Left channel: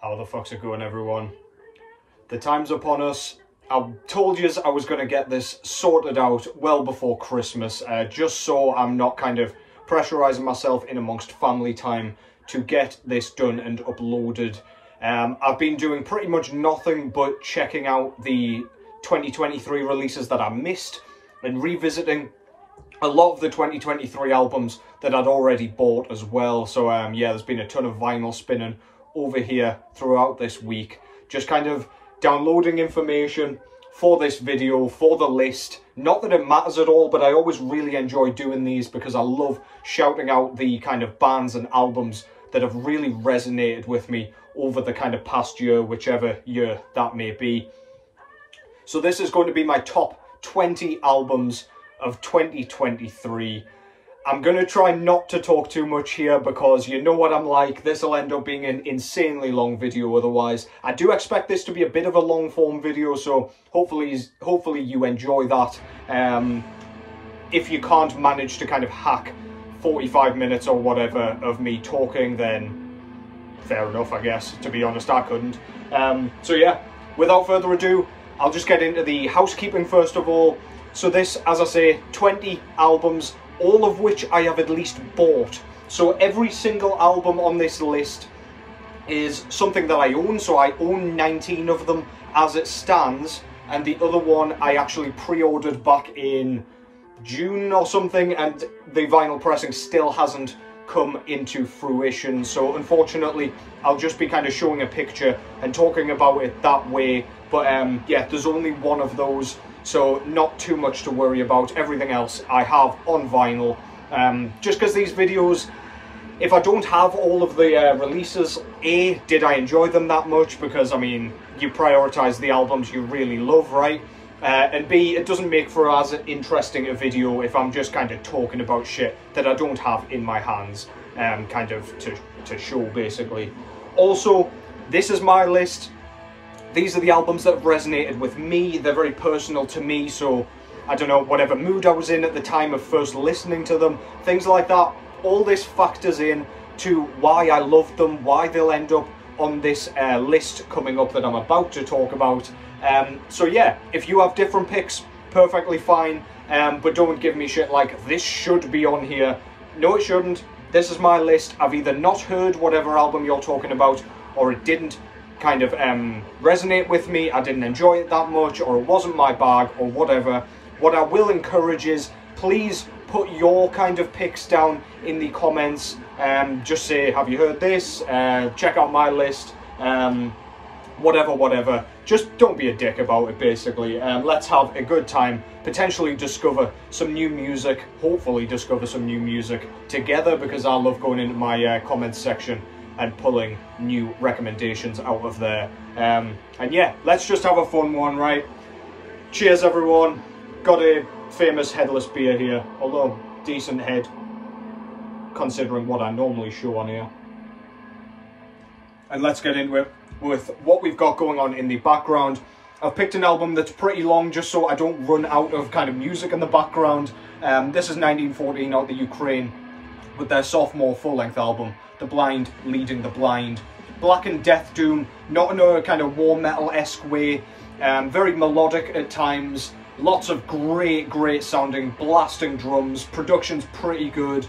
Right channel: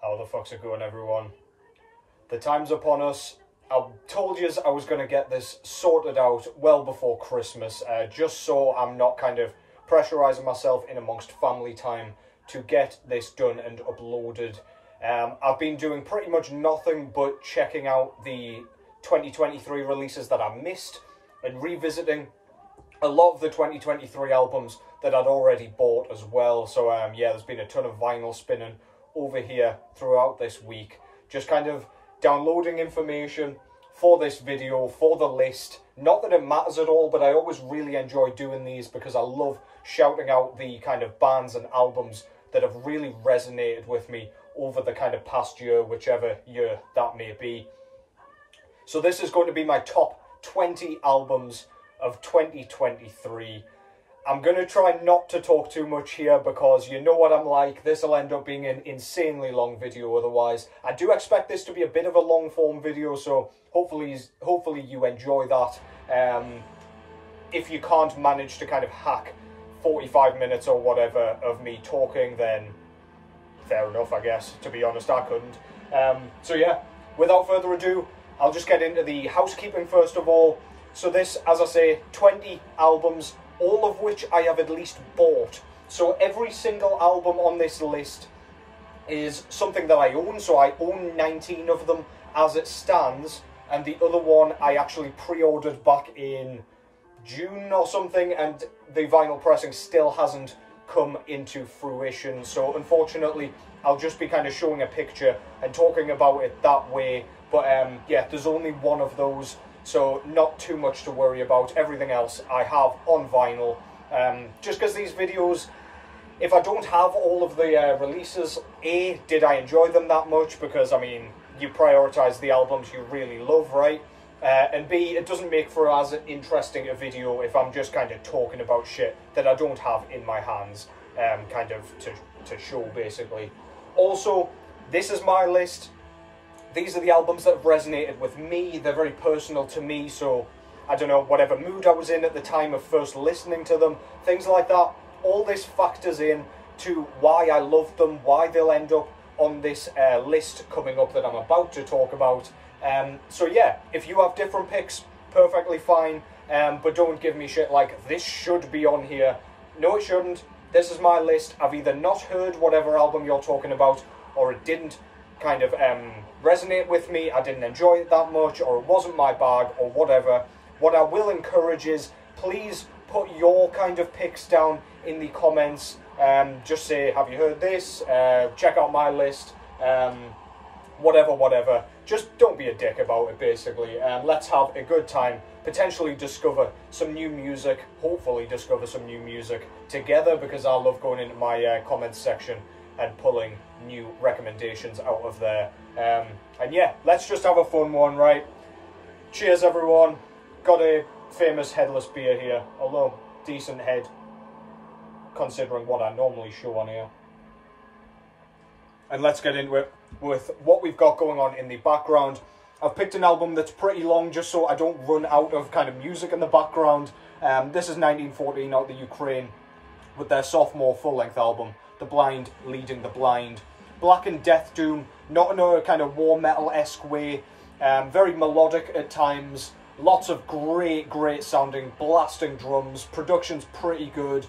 How the fuck's it going, everyone? The time's upon us. I told you I was going to get this sorted out well before Christmas, just so I'm not kind of pressurising myself in amongst family time to get this done and uploaded. I've been doing pretty much nothing but checking out the 2023 releases that I missed and revisiting a lot of the 2023 albums that I'd already bought as well. So yeah, there's been a ton of vinyl spinning over here throughout this week, just kind of downloading information for this video, for the list. Not that it matters at all, but I always really enjoy doing these because I love shouting out the kind of bands and albums that have really resonated with me over the kind of past year, whichever year that may be. So this is going to be my top 20 albums of 2023. I'm going to try not to talk too much here because you know what I'm like. This will end up being an insanely long video otherwise. I do expect this to be a bit of a long form video, so hopefully you enjoy that. If you can't manage to kind of hack 45 minutes or whatever of me talking, then fair enough, I guess. To be honest, I couldn't. So yeah, without further ado, I'll just get into the housekeeping first of all. So this, as I say, 20 albums, all of which I have at least bought. So every single album on this list is something that I own. So I own 19 of them as it stands. And the other one I actually pre-ordered back in June or something. And the vinyl pressing still hasn't come into fruition. So unfortunately, I'll just be kind of showing a picture and talking about it that way. But yeah, there's only one of those. So not too much to worry about. Everything else I have on vinyl. Just because these videos, if I don't have all of the releases, A, did I enjoy them that much? Because, I mean, you prioritise the albums you really love, right? And B, it doesn't make for as interesting a video if I'm just kind of talking about shit that I don't have in my hands, kind of to show, basically. Also, this is my list. These are the albums that have resonated with me. They're very personal to me, so I don't know, whatever mood I was in at the time of first listening to them, things like that. All this factors in to why I love them, why they'll end up on this list coming up that I'm about to talk about. So yeah, if you have different picks, perfectly fine, but don't give me shit like, this should be on here. No, it shouldn't. This is my list. I've either not heard whatever album you're talking about, or it didn't kind of resonate with me, I didn't enjoy it that much, or it wasn't my bag, or whatever. What I will encourage is, please put your kind of picks down in the comments. Just say, have you heard this? Check out my list. Whatever. Just don't be a dick about it, basically. Let's have a good time. Potentially discover some new music. Hopefully discover some new music together, because I love going into my comments section and pulling new recommendations out of there. And yeah, let's just have a fun one, right? Cheers, everyone. Got a famous headless beer here, although decent head, considering what I normally show on here. And let's get into it with what we've got going on in the background. I've picked an album that's pretty long, just so I don't run out of kind of music in the background. This is 1914 out the Ukraine, with their sophomore full-length album, The Blind Leading the Blind. Black and death doom, not in a kind of war metal-esque way, very melodic at times, lots of great sounding blasting drums, production's pretty good,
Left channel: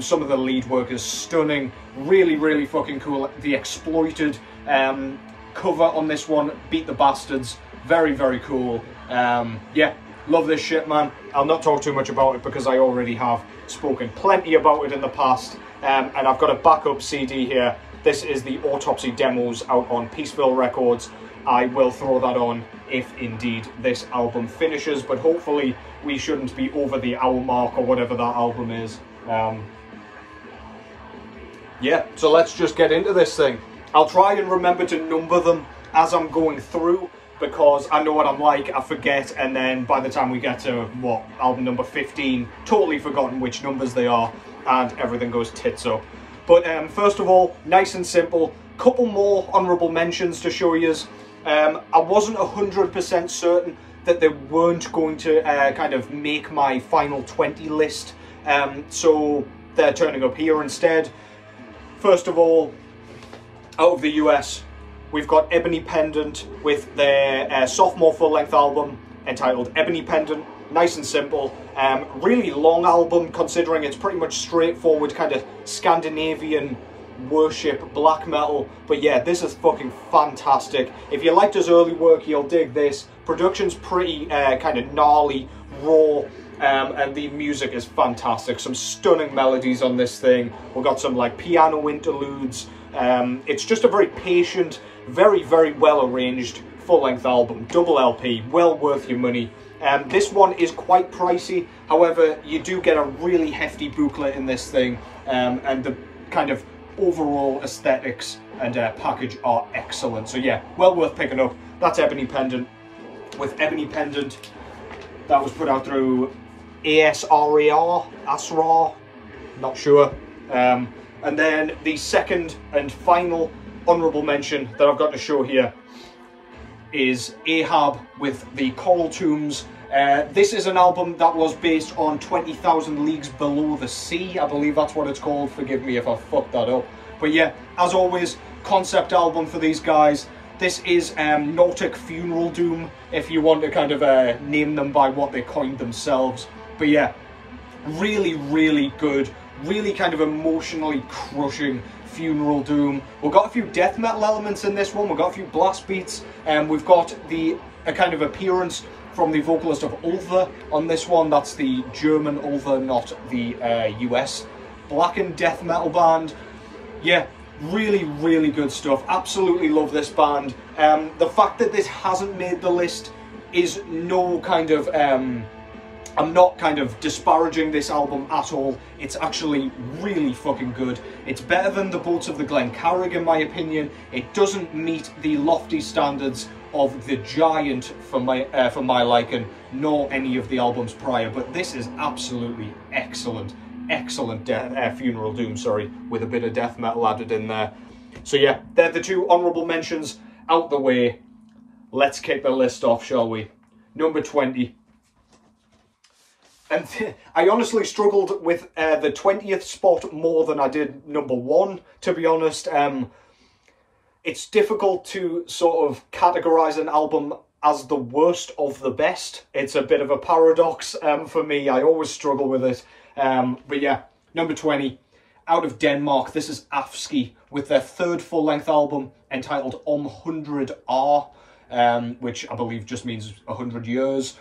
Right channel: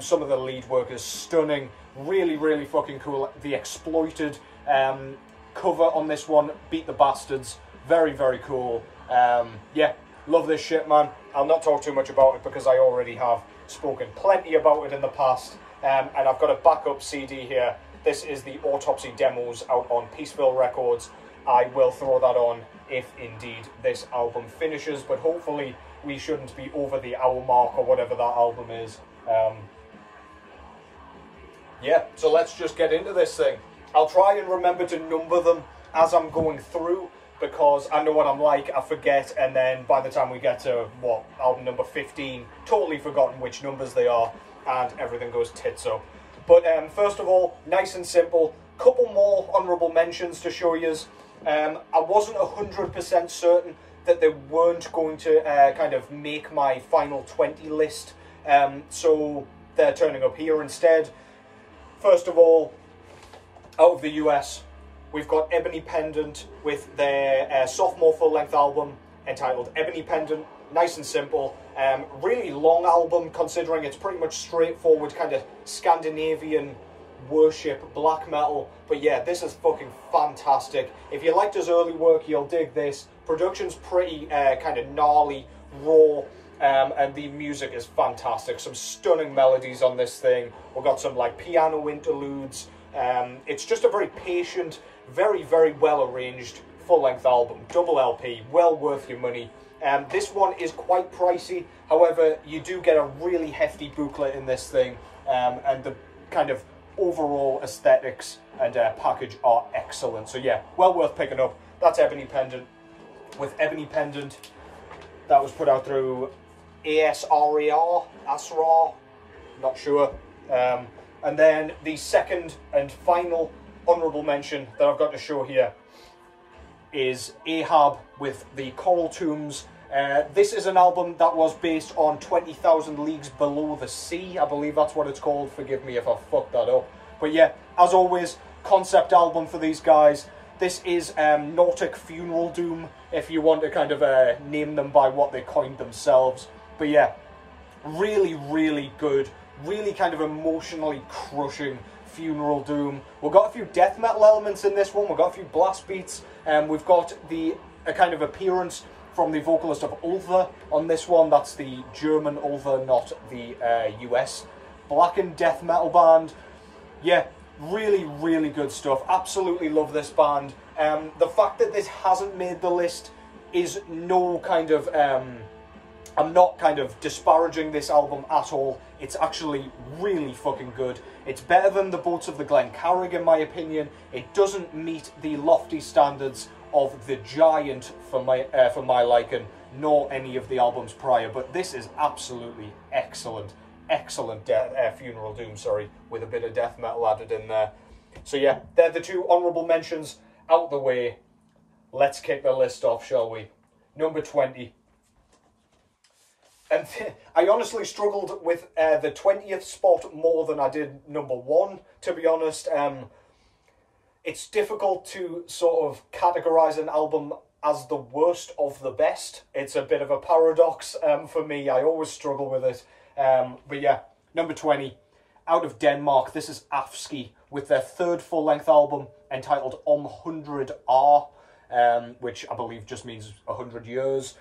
some of the lead work is stunning, really fucking cool. The Exploited cover on this one, Beat the Bastards, very cool. Yeah, love this shit, man. I'll not talk too much about it because I already have spoken plenty about it in the past. And I've got a backup CD here. This is the Autopsy demos out on Peaceville Records. I will throw that on if indeed this album finishes, but hopefully we shouldn't be over the hour mark or whatever that album is. Yeah, so let's just get into this thing. I'll try and remember to number them as I'm going through, because I know what I'm like, I forget, and then by the time we get to, what, album number 15, totally forgotten which numbers they are, and everything goes tits up. But first of all, nice and simple, couple more honourable mentions to show yous. I wasn't 100% certain that they weren't going to kind of make my final 20 list, so they're turning up here instead. First of all, out of the US, we've got Ebony Pendant with their sophomore full-length album entitled Ebony Pendant. Nice and simple. Really long album considering it's pretty much straightforward kind of Scandinavian worship black metal. But yeah, this is fucking fantastic. If you liked his early work, you'll dig this. Production's pretty kind of gnarly, raw. And the music is fantastic. Some stunning melodies on this thing. We've got some like piano interludes. It's just a very patient, very, very well arranged full-length album. Double LP, well worth your money. This one is quite pricey. However, you do get a really hefty booklet in this thing. And the kind of overall aesthetics and package are excellent. So yeah, well worth picking up. That's Ebony Pendant. With Ebony Pendant, that was put out through ASRAR, not sure. And then the second and final honourable mention that I've got to show here is Ahab with the Coral Tombs. This is an album that was based on 20,000 Leagues Below the Sea. I believe that's what it's called. Forgive me if I fucked that up. But yeah, as always, concept album for these guys. This is Nautic Funeral Doom, if you want to kind of name them by what they coined themselves. But yeah, really, really good. Really kind of emotionally crushing funeral doom. We've got a few death metal elements in this one. We've got a few blast beats. We've got a kind of appearance from the vocalist of Ulther on this one. That's the German Ulther, not the US blackened death metal band. Yeah, really, really good stuff. Absolutely love this band. The fact that this hasn't made the list is no kind of... I'm not kind of disparaging this album at all. It's actually really fucking good. It's better than the Boats of the Glencarrig in my opinion. It doesn't meet the lofty standards of The Giant for my liking, nor any of the albums prior, but this is absolutely excellent. Excellent funeral doom, sorry, with a bit of death metal added in there. So yeah, they're the two honourable mentions out the way. Let's kick the list off, shall we? Number 20. And I honestly struggled with the 20th spot more than I did number 1, to be honest. It's difficult to sort of categorise an album as the worst of the best. It's a bit of a paradox for me. I always struggle with it. But yeah, number 20, out of Denmark, this is Afsky with their third full-length album entitled Hundrede År, which I believe just means 100 years.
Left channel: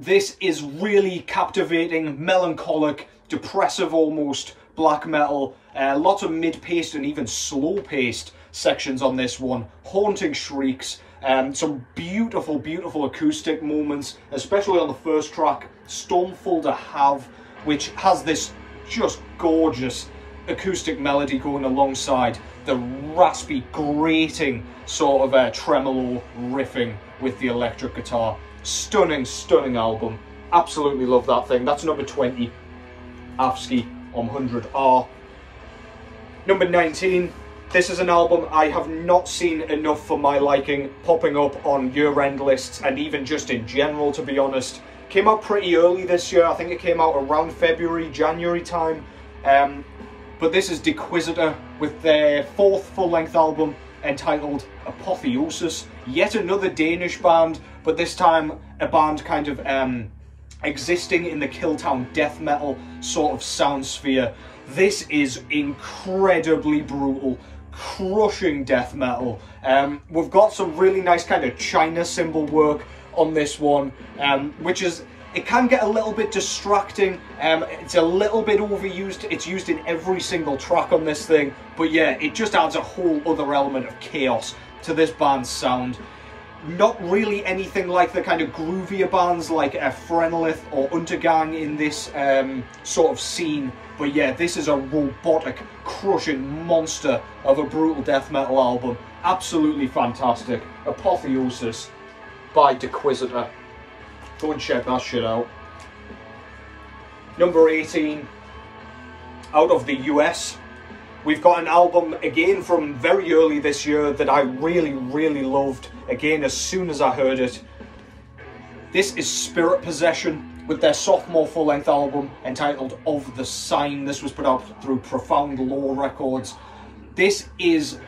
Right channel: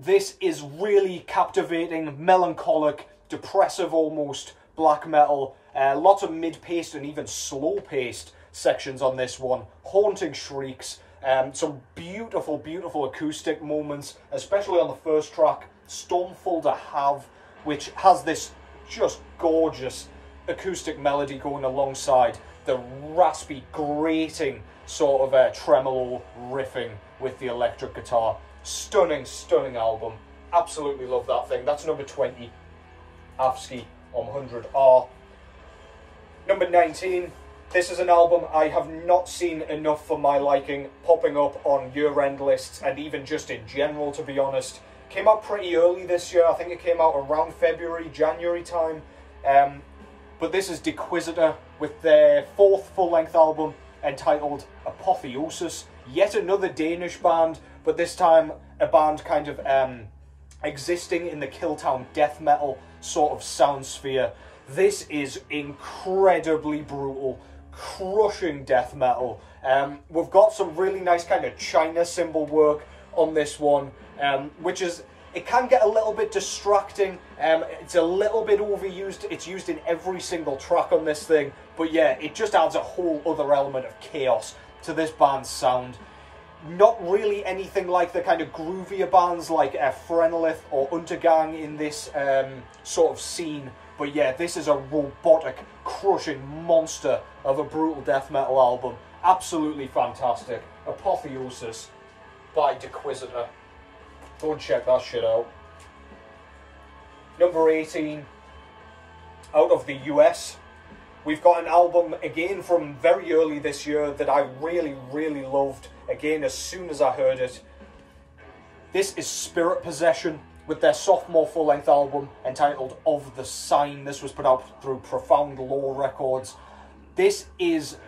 This is really captivating, melancholic, depressive almost, black metal. Lots of mid-paced and even slow-paced sections on this one. Haunting shrieks. Some beautiful, beautiful acoustic moments, especially on the first track, Stormful to Have, which has this just gorgeous acoustic melody going alongside the raspy, grating sort of tremolo riffing with the electric guitar. Stunning, stunning album. Absolutely love that thing. That's number 20, Afsky on Hundrede År. Number 19, this is an album I have not seen enough for my liking, popping up on year-end lists and even just in general, to be honest. Came out pretty early this year. I think it came out around February, January time. But this is Deiquisitor with their fourth full-length album entitled Apotheosis. Yet another Danish band, but this time a band kind of existing in the Curta'n death metal sort of sound sphere. This is incredibly brutal, crushing death metal. We've got some really nice kind of China symbol work on this one, which is, it can get a little bit distracting. It's a little bit overused. It's used in every single track on this thing, but yeah, it just adds a whole other element of chaos to this band's sound. Not really anything like the kind of groovier bands like Frenlith or Untergang in this sort of scene, but yeah, this is a robotic, crushing monster of a brutal death metal album. Absolutely fantastic. Apotheosis by Deiquisitor. Go and check that shit out. Number 18, out of the US, we've got an album again from very early this year that I really, really loved. Again, as soon as I heard it. This is Spirit Possession with their sophomore full-length album entitled Of the Sign. This was put out through Profound Law Records. This is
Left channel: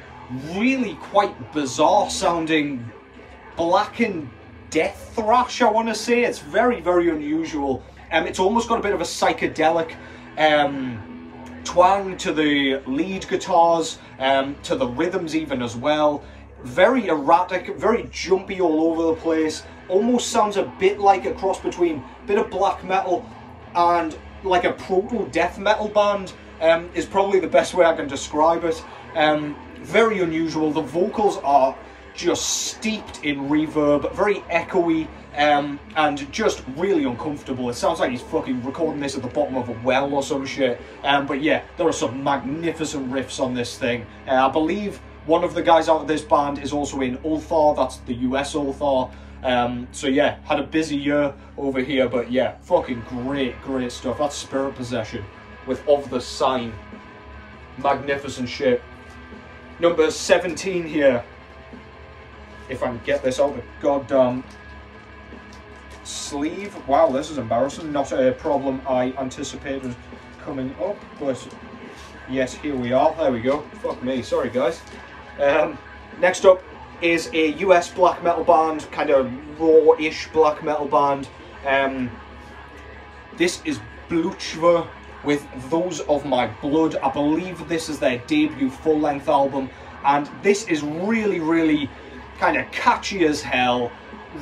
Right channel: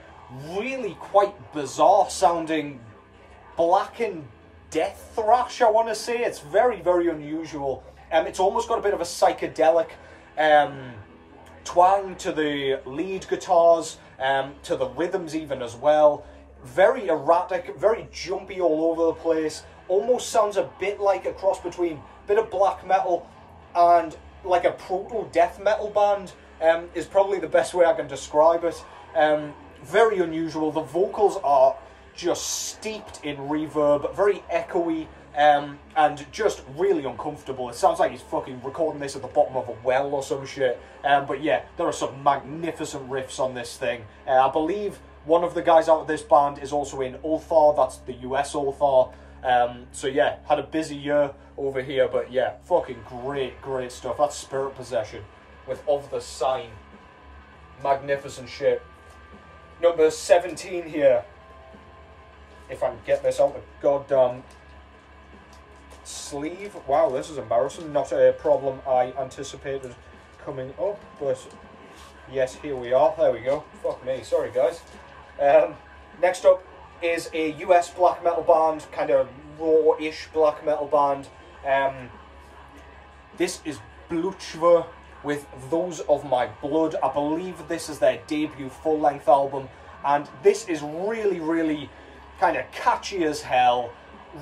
really quite bizarre sounding blackened death thrash, I want to say. It's very, very unusual. It's almost got a bit of a psychedelic twang to the lead guitars, to the rhythms even as well. Very erratic, very jumpy all over the place. Almost sounds a bit like a cross between a bit of black metal and like a proto-death metal band, is probably the best way I can describe it. Very unusual. The vocals are just steeped in reverb, very echoey, and just really uncomfortable. It sounds like he's fucking recording this at the bottom of a well or some shit. But yeah, there are some magnificent riffs on this thing. I believe one of the guys out of this band is also in Ulthar, that's the US Ulthar. So yeah, had a busy year over here, but yeah, fucking great stuff. That's Spirit Possession with Of the Sign. Magnificent shit. Number 17 here. If I can get this out the goddamn sleeve. Wow, this is embarrassing. Not a problem I anticipated coming up, but yes, here we are. There we go. Fuck me. Sorry, guys. Next up is a US black metal band, kind of raw-ish black metal band. This is Blutschwur with Those of My Blood. I believe this is their debut full-length album, and this is really kind of catchy as hell,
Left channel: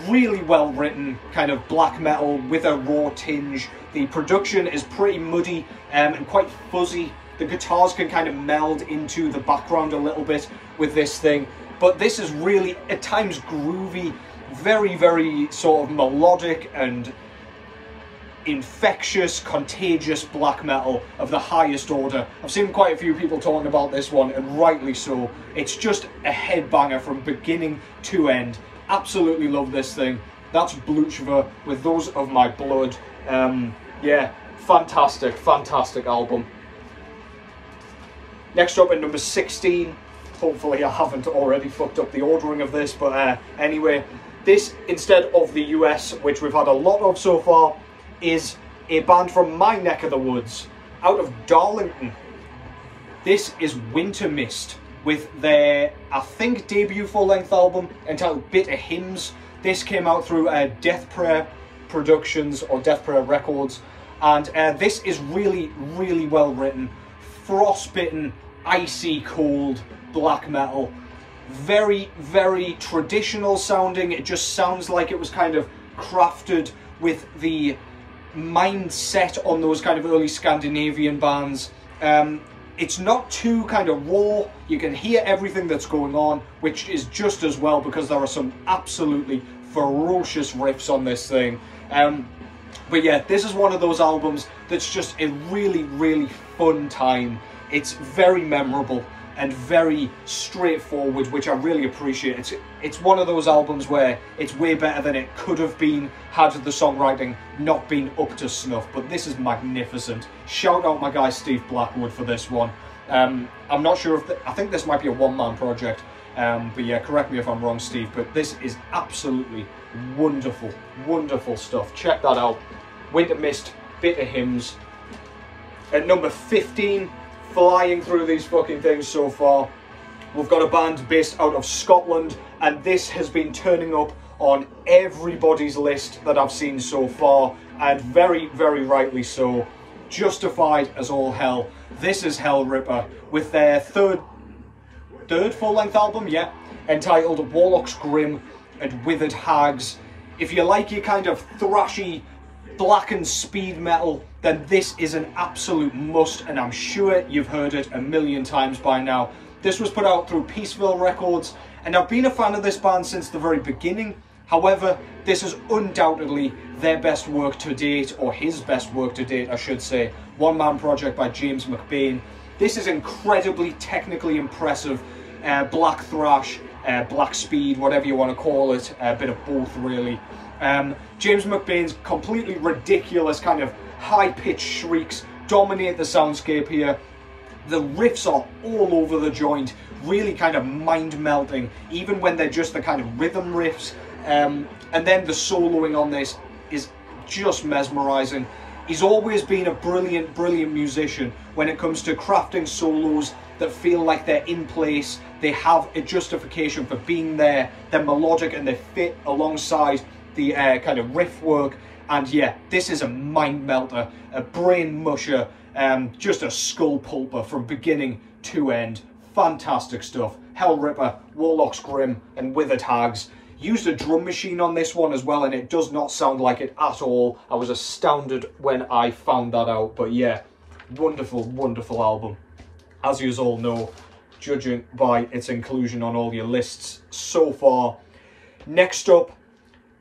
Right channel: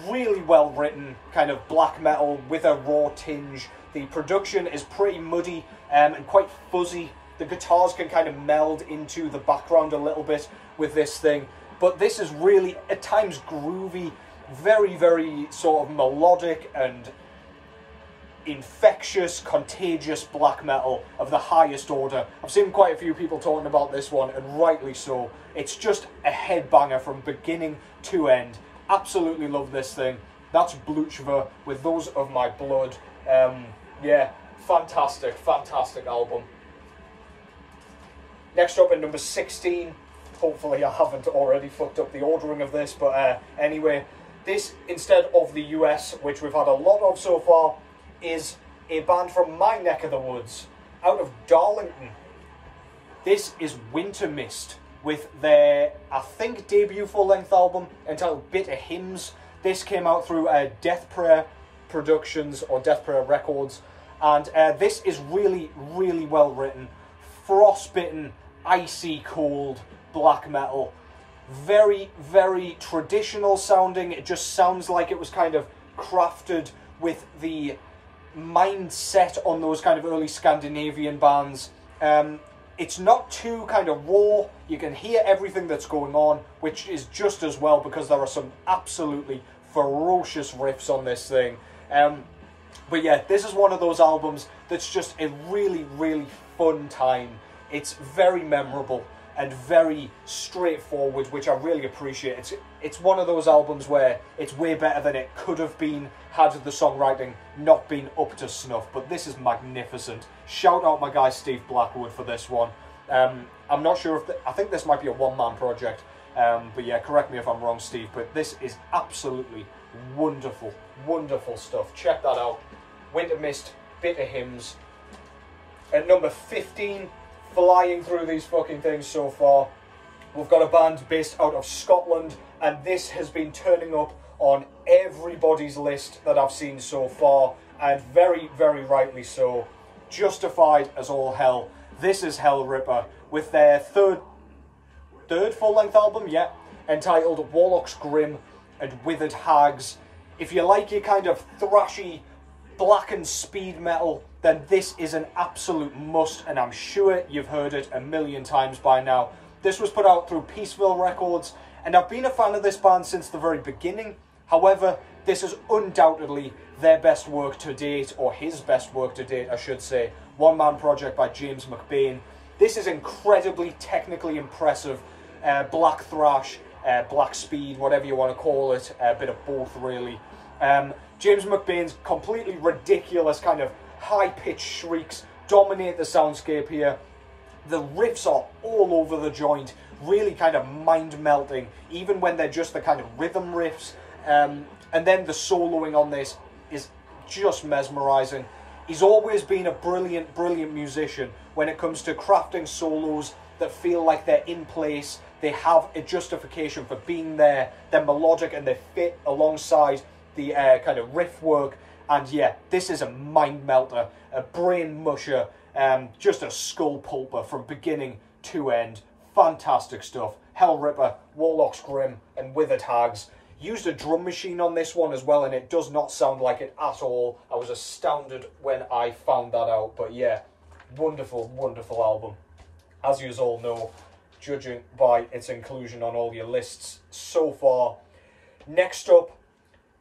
really well written, kind of black metal with a raw tinge. The production is pretty muddy and quite fuzzy. The guitars can kind of meld into the background a little bit with this thing, but this is really at times groovy, very sort of melodic and infectious, contagious black metal of the highest order. I've seen quite a few people talking about this one, and rightly so. It's just a headbanger from beginning to end. Absolutely love this thing. That's Blutschwur with Those of My Blood. Yeah, fantastic album. Next up at number 16, hopefully I haven't already fucked up the ordering of this, but anyway, this, instead of the US, which we've had a lot of so far, is a band from my neck of the woods, out of Darlington. This is Wynter Myst with their, I think, debut full-length album entitled Bitter Hymns. This came out through Death Prayer Productions or Death Prayer Records, and this is really well written, frostbitten, icy cold black metal. Very traditional sounding. It just sounds like it was kind of crafted with the mindset on those kind of early Scandinavian bands. It's not too kind of raw. You can hear everything that's going on, which is just as well because there are some absolutely ferocious riffs on this thing. But yeah, this is one of those albums that's just a really fun time. It's very memorable and very straightforward, which I really appreciate. It's one of those albums where it's way better than it could have been had the songwriting not been up to snuff, but this is magnificent. Shout out my guy Steve Blackwood for this one. I'm not sure if, I think this might be a one-man project, but yeah, correct me if I'm wrong, Steve, but this is absolutely wonderful stuff. Check that out. Wynter Myst, Bitter Hymns. At number 15, flying through these fucking things so far, we've got a band based out of Scotland, and this has been turning up on everybody's list that I've seen so far, and very rightly so. Justified as all hell. This is Hellripper with their third full-length album, yeah, entitled Warlocks, Grim and Withered Hags. If you like your kind of thrashy, blackened speed metal, then this is an absolute must, and I'm sure you've heard it a million times by now. This was put out through Peaceville Records, and I've been a fan of this band since the very beginning. However, this is undoubtedly their best work to date, or his best work to date, I should say. One-man project by James McBain. This is incredibly technically impressive, black thrash, black speed, whatever you want to call it, a bit of both really. James McBain's completely ridiculous kind of high-pitched shrieks dominate the soundscape here. The riffs are all over the joint, really kind of mind-melting, even when they're just the kind of rhythm riffs. And then the soloing on this is just mesmerizing. He's always been a brilliant musician when it comes to crafting solos that feel like they're in place. They have a justification for being there. They're melodic and they fit alongside the kind of riff work. And yeah, this is a mind melter, a brain musher, just a skull pulper from beginning to end. Fantastic stuff. Hellripper, Warlocks Grim, and Withered Hags. Used a drum machine on this one as well, and it does not sound like it at all. I was astounded when I found that out. But yeah, wonderful, wonderful album. As you all know, judging by its inclusion on all your lists so far. Next up,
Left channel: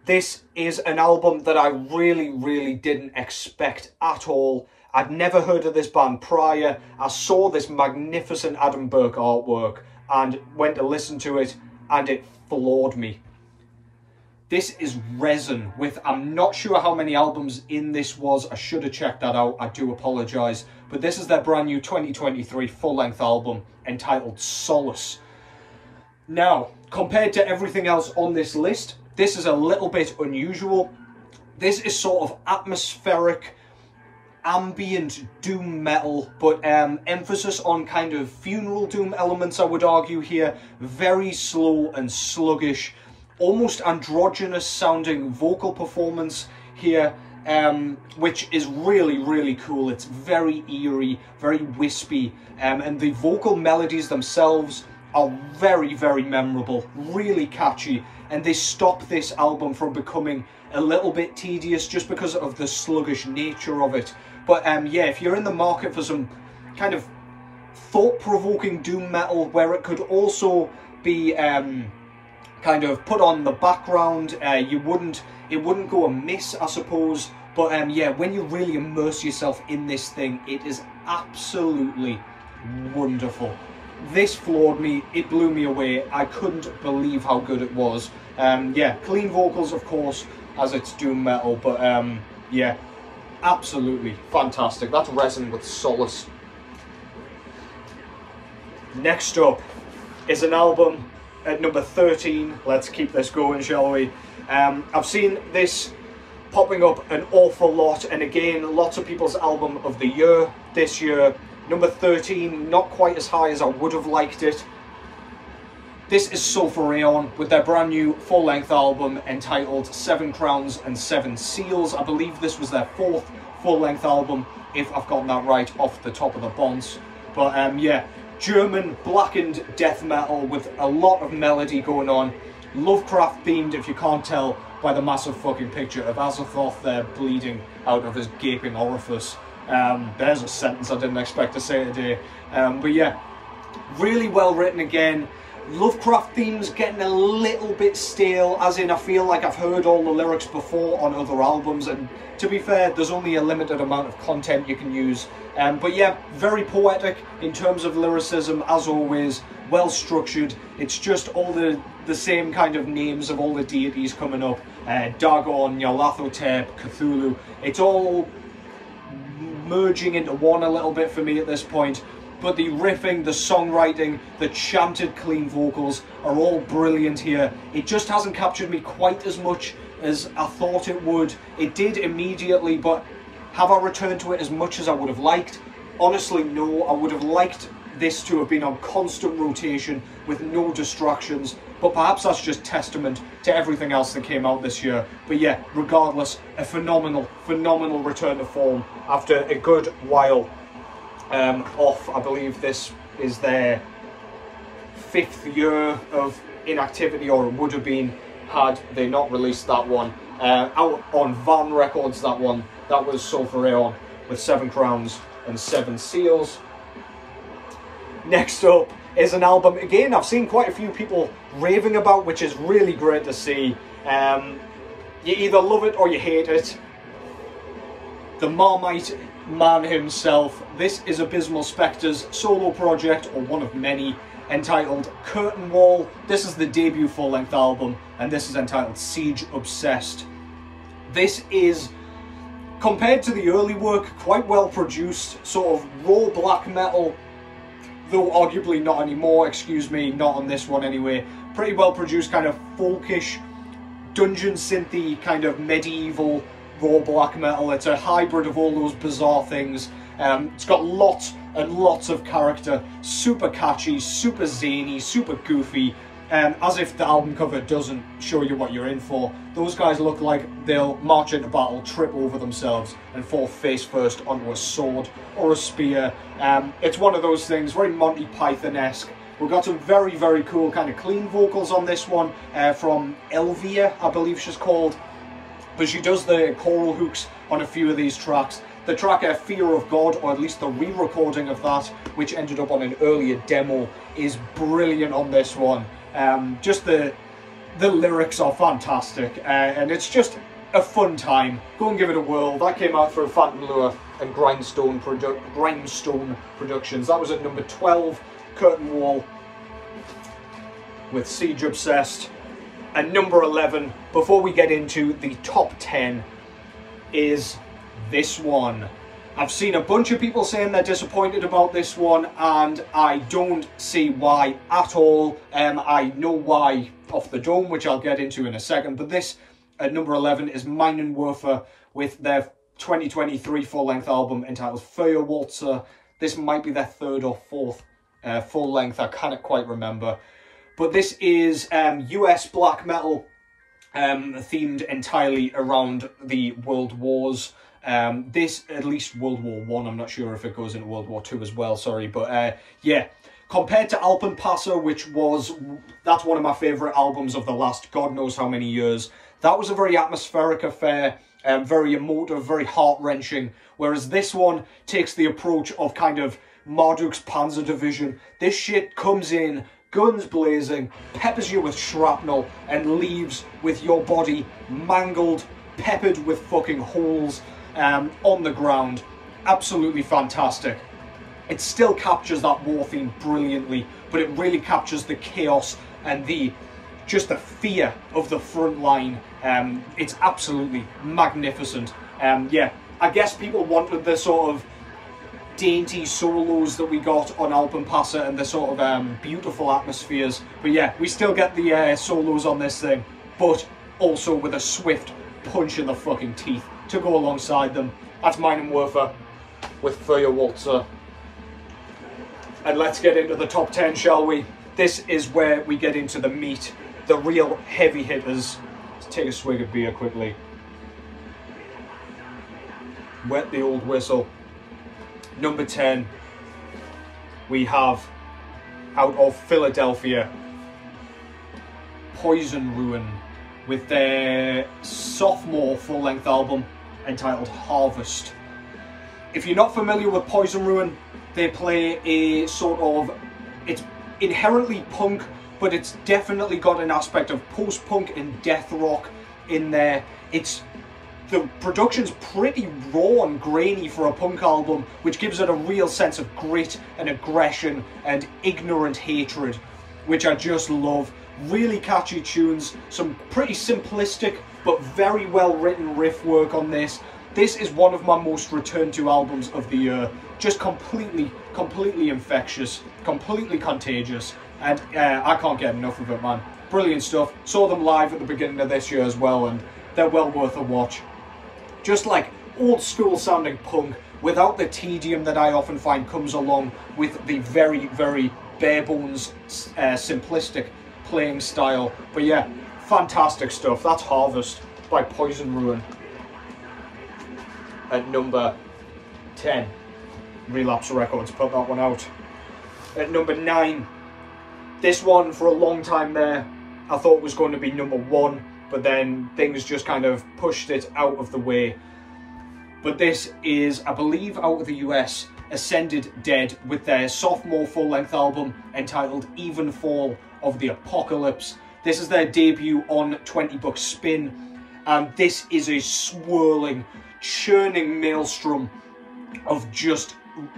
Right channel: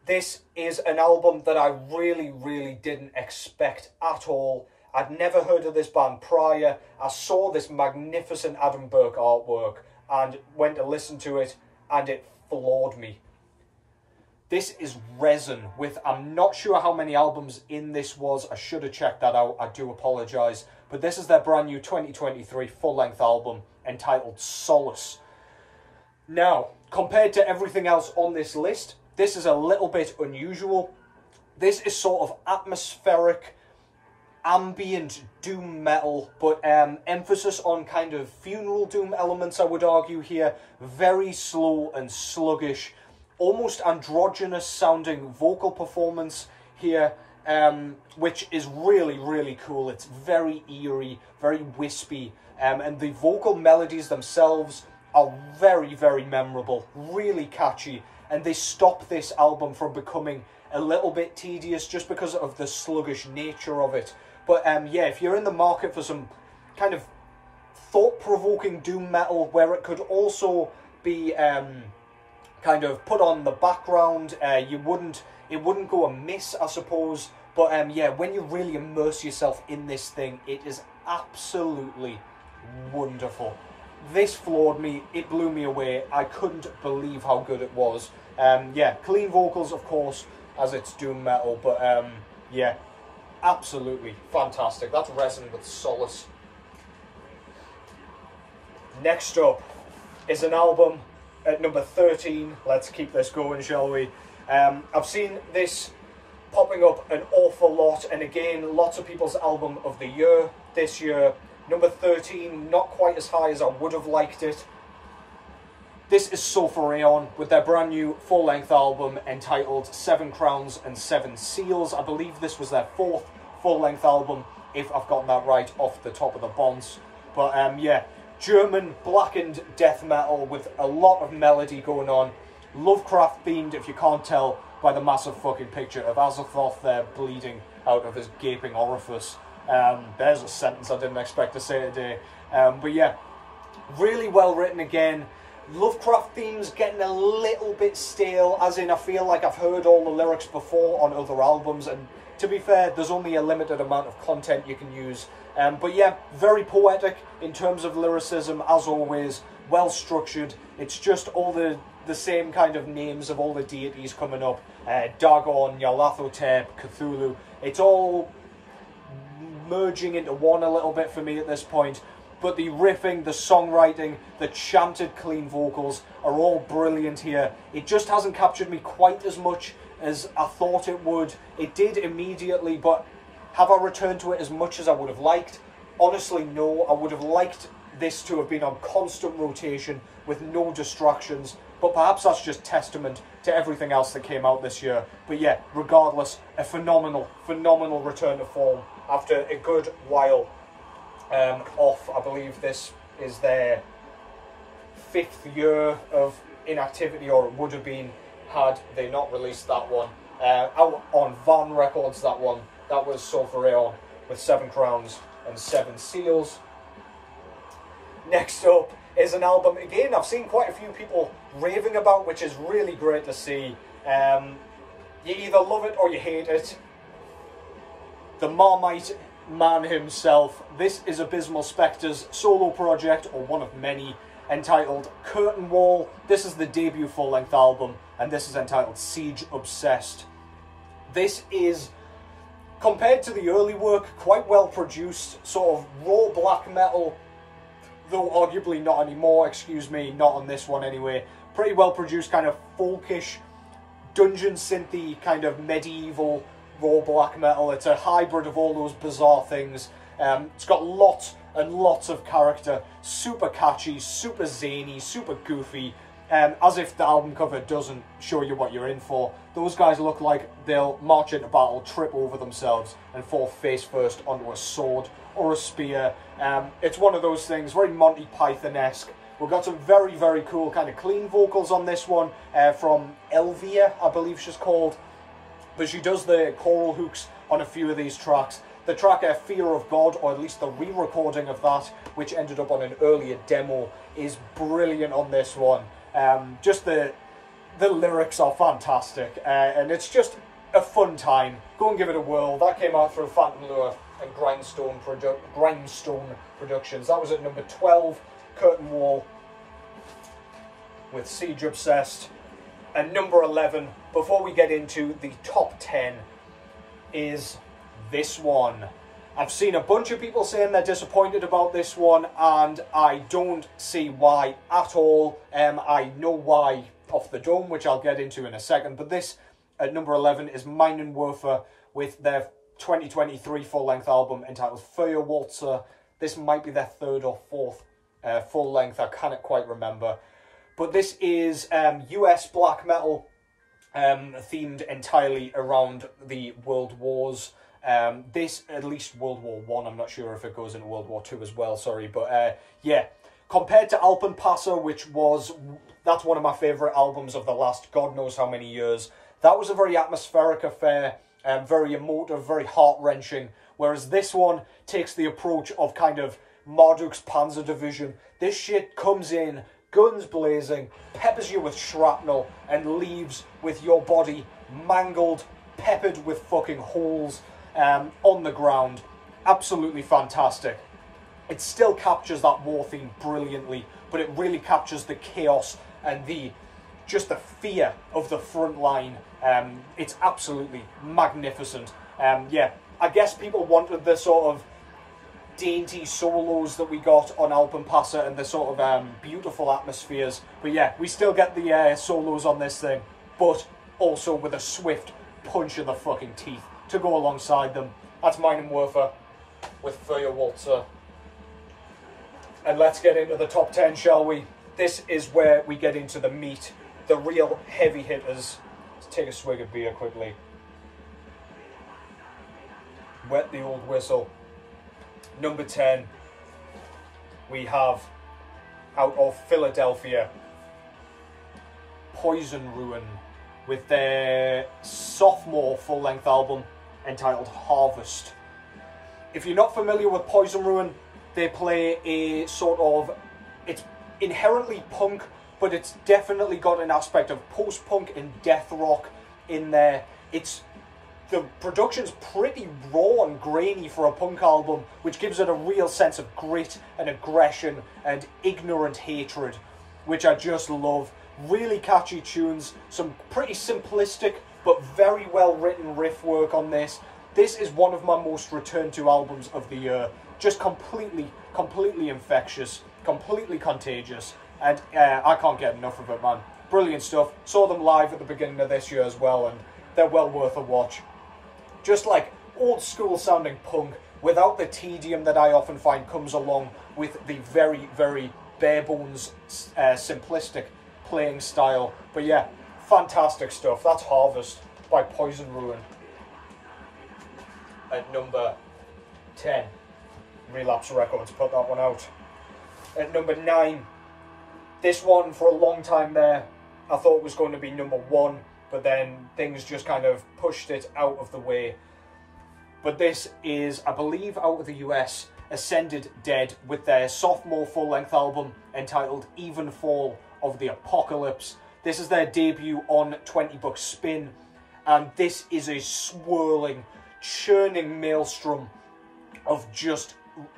this is an album that I really, really didn't expect at all. I'd never heard of this band prior. I saw this magnificent Adam Burke artwork and went to listen to it, and it floored me. This is Rezn with, I'm not sure how many albums in this was. I should have checked that out. I do apologise. But this is their brand new 2023 full-length album entitled Solace. Now, compared to everything else on this list, this is a little bit unusual. This is sort of atmospheric, ambient doom metal, but emphasis on kind of funeral doom elements, I would argue here. Very slow and sluggish, almost androgynous sounding vocal performance here, which is really, really cool. It's very eerie, very wispy, and the vocal melodies themselves are very, very memorable, really catchy, and they stop this album from becoming a little bit tedious just because of the sluggish nature of it. But yeah, if you're in the market for some kind of thought-provoking doom metal where it could also be kind of put on the background, it wouldn't go amiss, I suppose. But yeah, when you really immerse yourself in this thing, it is absolutely wonderful. This floored me, it blew me away. I couldn't believe how good it was. Yeah, clean vocals, of course, as it's doom metal, but yeah, absolutely fantastic. That's Rezn with Solace. Next up is an album at number 13. Let's keep this going, shall we? I've seen this popping up an awful lot, and again, lots of people's album of the year this year. Number 13, not quite as high as I would have liked it. This is Sulphur Aeon with their brand new full-length album entitled 7 Crowns and 7 Seals. I believe this was their 4th full-length album, if I've gotten that right off the top of the bonds. But yeah, German blackened death metal with a lot of melody going on. Lovecraft themed, if you can't tell by the massive fucking picture of Azathoth there bleeding out of his gaping orifice. There's a sentence I didn't expect to say today. But yeah, really well written again. Lovecraft themes getting a little bit stale, as in I feel like I've heard all the lyrics before on other albums, and to be fair, there's only a limited amount of content you can use. But yeah, very poetic in terms of lyricism, as always, well structured. It's just all the same kind of names of all the deities coming up. Dagon, Nyarlathotep, Cthulhu. It's all merging into one a little bit for me at this point. But the riffing, the songwriting, the chanted clean vocals are all brilliant here. It just hasn't captured me quite as much as I thought it would. It did immediately, but have I returned to it as much as I would have liked? Honestly, no. I would have liked this to have been on constant rotation with no distractions, but perhaps that's just testament to everything else that came out this year. But yeah, regardless, a phenomenal, phenomenal return to form after a good while off. I believe this is their 5th year of inactivity, or it would have been had they not released that one. Out on Van Records, that one. That was Sulphur Aeon with 7 Crowns and 7 Seals. Next up is an album, again, I've seen quite a few people raving about, which is really great to see. You either love it or you hate it. The Marmite man himself. This is Abysmal Spectre's solo project, or one of many, entitled Curtain Wall. This is the debut full-length album, and this is entitled Siege Obsessed. This is, compared to the early work, quite well produced, sort of raw black metal, though arguably not anymore, excuse me, not on this one anyway. Pretty well produced, kind of folkish, dungeon synthy, kind of medieval raw black metal. It's a hybrid of all those bizarre things. It's got lots and lots of character. Super catchy, super zany, super goofy. As if the album cover doesn't show you what you're in for. Those guys look like they'll march into battle, trip over themselves, and fall face first onto a sword or a spear. It's one of those things, very Monty Python-esque. We've got some very, very cool kind of clean vocals on this one from Elvia, I believe she's called. But she does the choral hooks on a few of these tracks. The track Fear of God, or at least the re-recording of that, which ended up on an earlier demo, is brilliant on this one. Just the lyrics are fantastic, and it's just a fun time. Go and give it a whirl. That came out through Phantom Lure and Grindstone Productions. That was at number 12, Curta'n Wall with Siege Obsessed. And number 11, before we get into the top 10, is this one. I've seen a bunch of people saying they're disappointed about this one, and I don't see why at all. I know why off the dome, which I'll get into in a second, but this, at number 11, is Minenwerfer with their 2023 full-length album entitled Feuerwalze. This might be their third or fourth full-length, I can't quite remember. But this is US black metal themed entirely around the World Wars. This, at least World War One, I'm not sure if it goes into World War Two as well, sorry, but yeah, compared to Alpenpasser, that's one of my favourite albums of the last God knows how many years. That was a very atmospheric affair, very emotive, very heart-wrenching, whereas this one takes the approach of kind of Marduk's Panzer Division. This shit comes in, guns blazing, peppers you with shrapnel, and leaves with your body mangled, peppered with fucking holes on the ground. Absolutely fantastic. It still captures that war theme brilliantly, but it really captures the chaos and just the fear of the front line. It's absolutely magnificent. Yeah, I guess people wanted the sort of dainty solos that we got on Alpenpasser and the sort of beautiful atmospheres, but yeah, we still get the solos on this thing, but also with a swift punch in the fucking teeth to go alongside them. That's Minenwerfer with Feuerwalze. And let's get into the top 10, shall we? This is where we get into the meat, the real heavy hitters. Let's take a swig of beer quickly. Wet the old whistle. Number 10, we have, out of Philadelphia, Poison Ruin with their sophomore full-length album entitled Harvest. If you're not familiar with Poison Ruin, they play a sort of, it's inherently punk, but it's definitely got an aspect of post-punk and death rock in there. The production's pretty raw and grainy for a punk album, which gives it a real sense of grit and aggression and ignorant hatred, which I just love. Really catchy tunes, some pretty simplistic but very well written riff work on this. This is one of my most returned to albums of the year. Just completely infectious, completely contagious, and I can't get enough of it, man. Brilliant stuff. Saw them live at the beginning of this year as well, and they're well worth a watch. Just like old school sounding punk without the tedium that I often find comes along with the very, very bare bones, simplistic playing style. But yeah, fantastic stuff. That's Harvest by Poison Ruin. At number 10, Relapse Records put that one out. At number 9, this one for a long time there I thought was going to be number 1, but then things just kind of pushed it out of the way. But this is, I believe, out of the US, Ascended Dead with their sophomore full-length album entitled Even Fall of the Apocalypse. This is their debut on 20 Buck Spin, and this is a swirling, churning maelstrom of just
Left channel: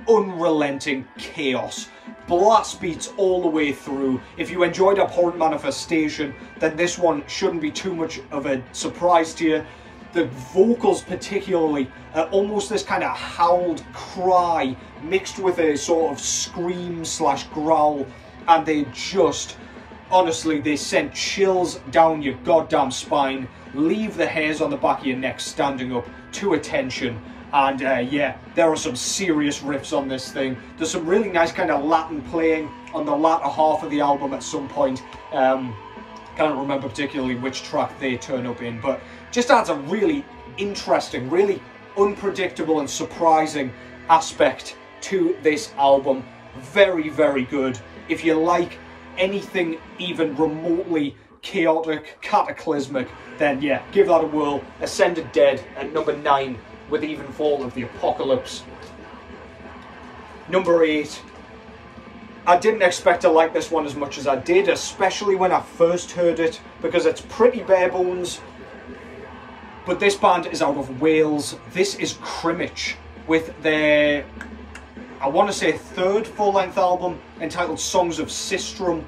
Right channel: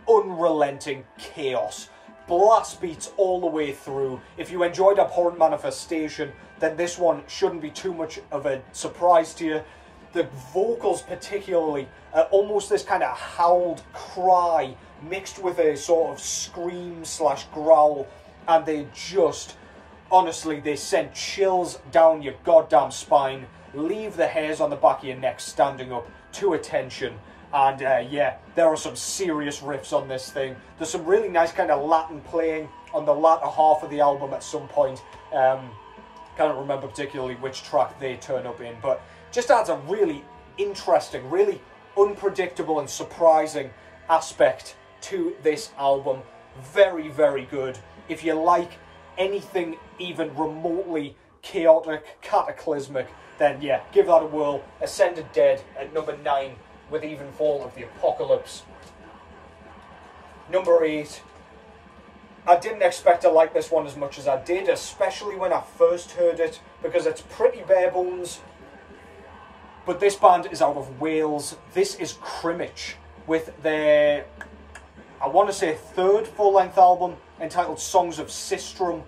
unrelenting chaos. Blast beats all the way through. If you enjoyed Abhorrent Manifestation, then this one shouldn't be too much of a surprise to you. The vocals particularly are almost this kind of howled cry mixed with a sort of scream slash growl, and they just, honestly, they send chills down your goddamn spine, leave the hairs on the back of your neck standing up to attention. And yeah, there are some serious riffs on this thing. There's some really nice kind of Latin playing on the latter half of the album at some point. Can't remember particularly which track they turn up in, but just adds a really interesting, really unpredictable and surprising aspect to this album. Very, very good. If you like anything even remotely chaotic, cataclysmic, then yeah, give that a whirl. Ascended Dead at number 9 with Evenfall of the Apocalypse. Number 8. I didn't expect to like this one as much as I did, especially when I first heard it, because it's pretty bare bones. But this band is out of Wales. This is Crymych with their, I want to say, 3rd full-length album entitled Songs of Sistrum.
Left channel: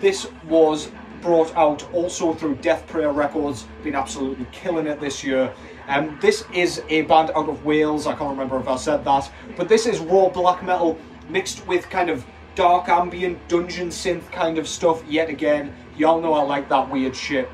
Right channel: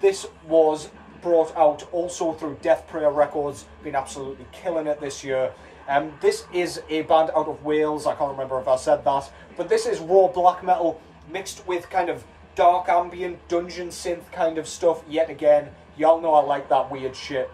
This was brought out also through Death Prayer Records, been absolutely killing it this year. This is a band out of Wales, I can't remember if I said that, but this is raw black metal mixed with kind of dark ambient dungeon synth kind of stuff yet again. Y'all know I like that weird shit.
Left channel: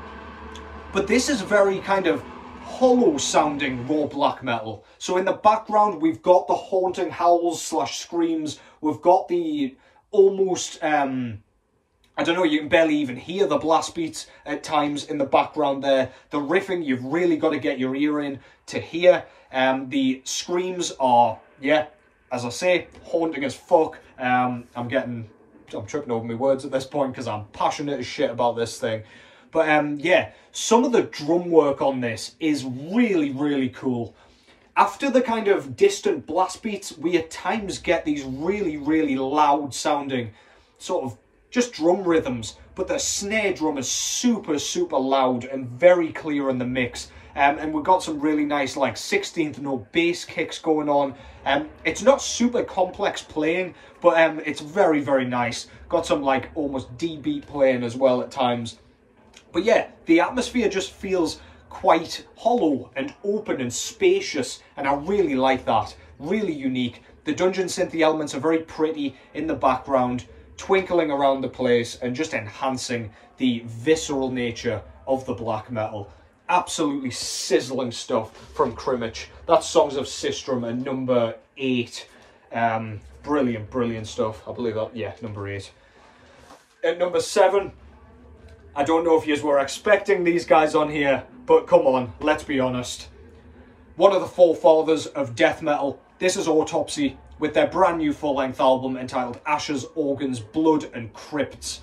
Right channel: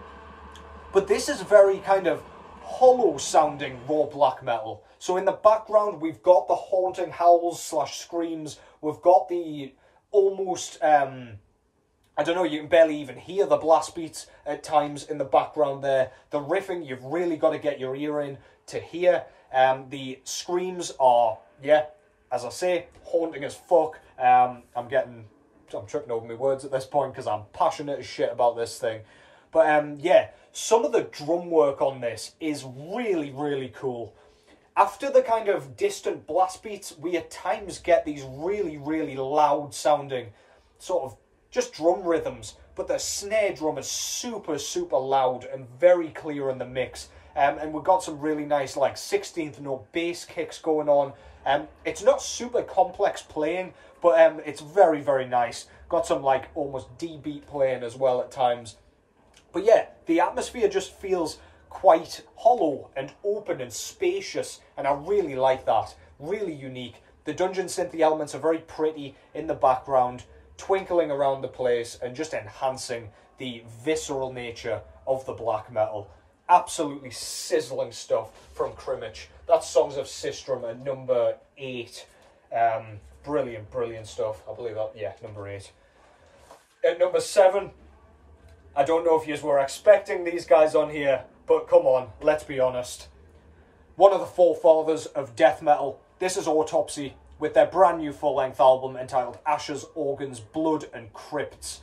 But this is very kind of hollow sounding raw black metal. So in the background we've got the haunting howls slash screams, we've got the almost, I don't know, you can barely even hear the blast beats at times in the background there. The riffing, you've really got to get your ear in to hear. The screams are, yeah, as I say, haunting as fuck. I'm tripping over my words at this point because I'm passionate as shit about this thing. But yeah, some of the drum work on this is really, really cool. After the kind of distant blast beats, we at times get these really, really loud sounding sort of just drum rhythms. But the snare drum is super, super loud and very clear in the mix. And we've got some really nice like 16th note bass kicks going on. It's not super complex playing, but it's very, very nice. Got some like almost D beat playing as well at times. But yeah, the atmosphere just feels quite hollow and open and spacious, and I really like that. Really unique. The dungeon synthy elements are very pretty in the background, twinkling around the place and just enhancing the visceral nature of the black metal. Absolutely sizzling stuff from Crymych. That's Songs of Sistrum at number 8. Brilliant, brilliant stuff. I believe that, yeah, number 8. At number 7, I don't know if you were expecting these guys on here, but come on, let's be honest. One of the forefathers of death metal. This is Autopsy with their brand new full-length album entitled Ashes, Organs, Blood and Crypts.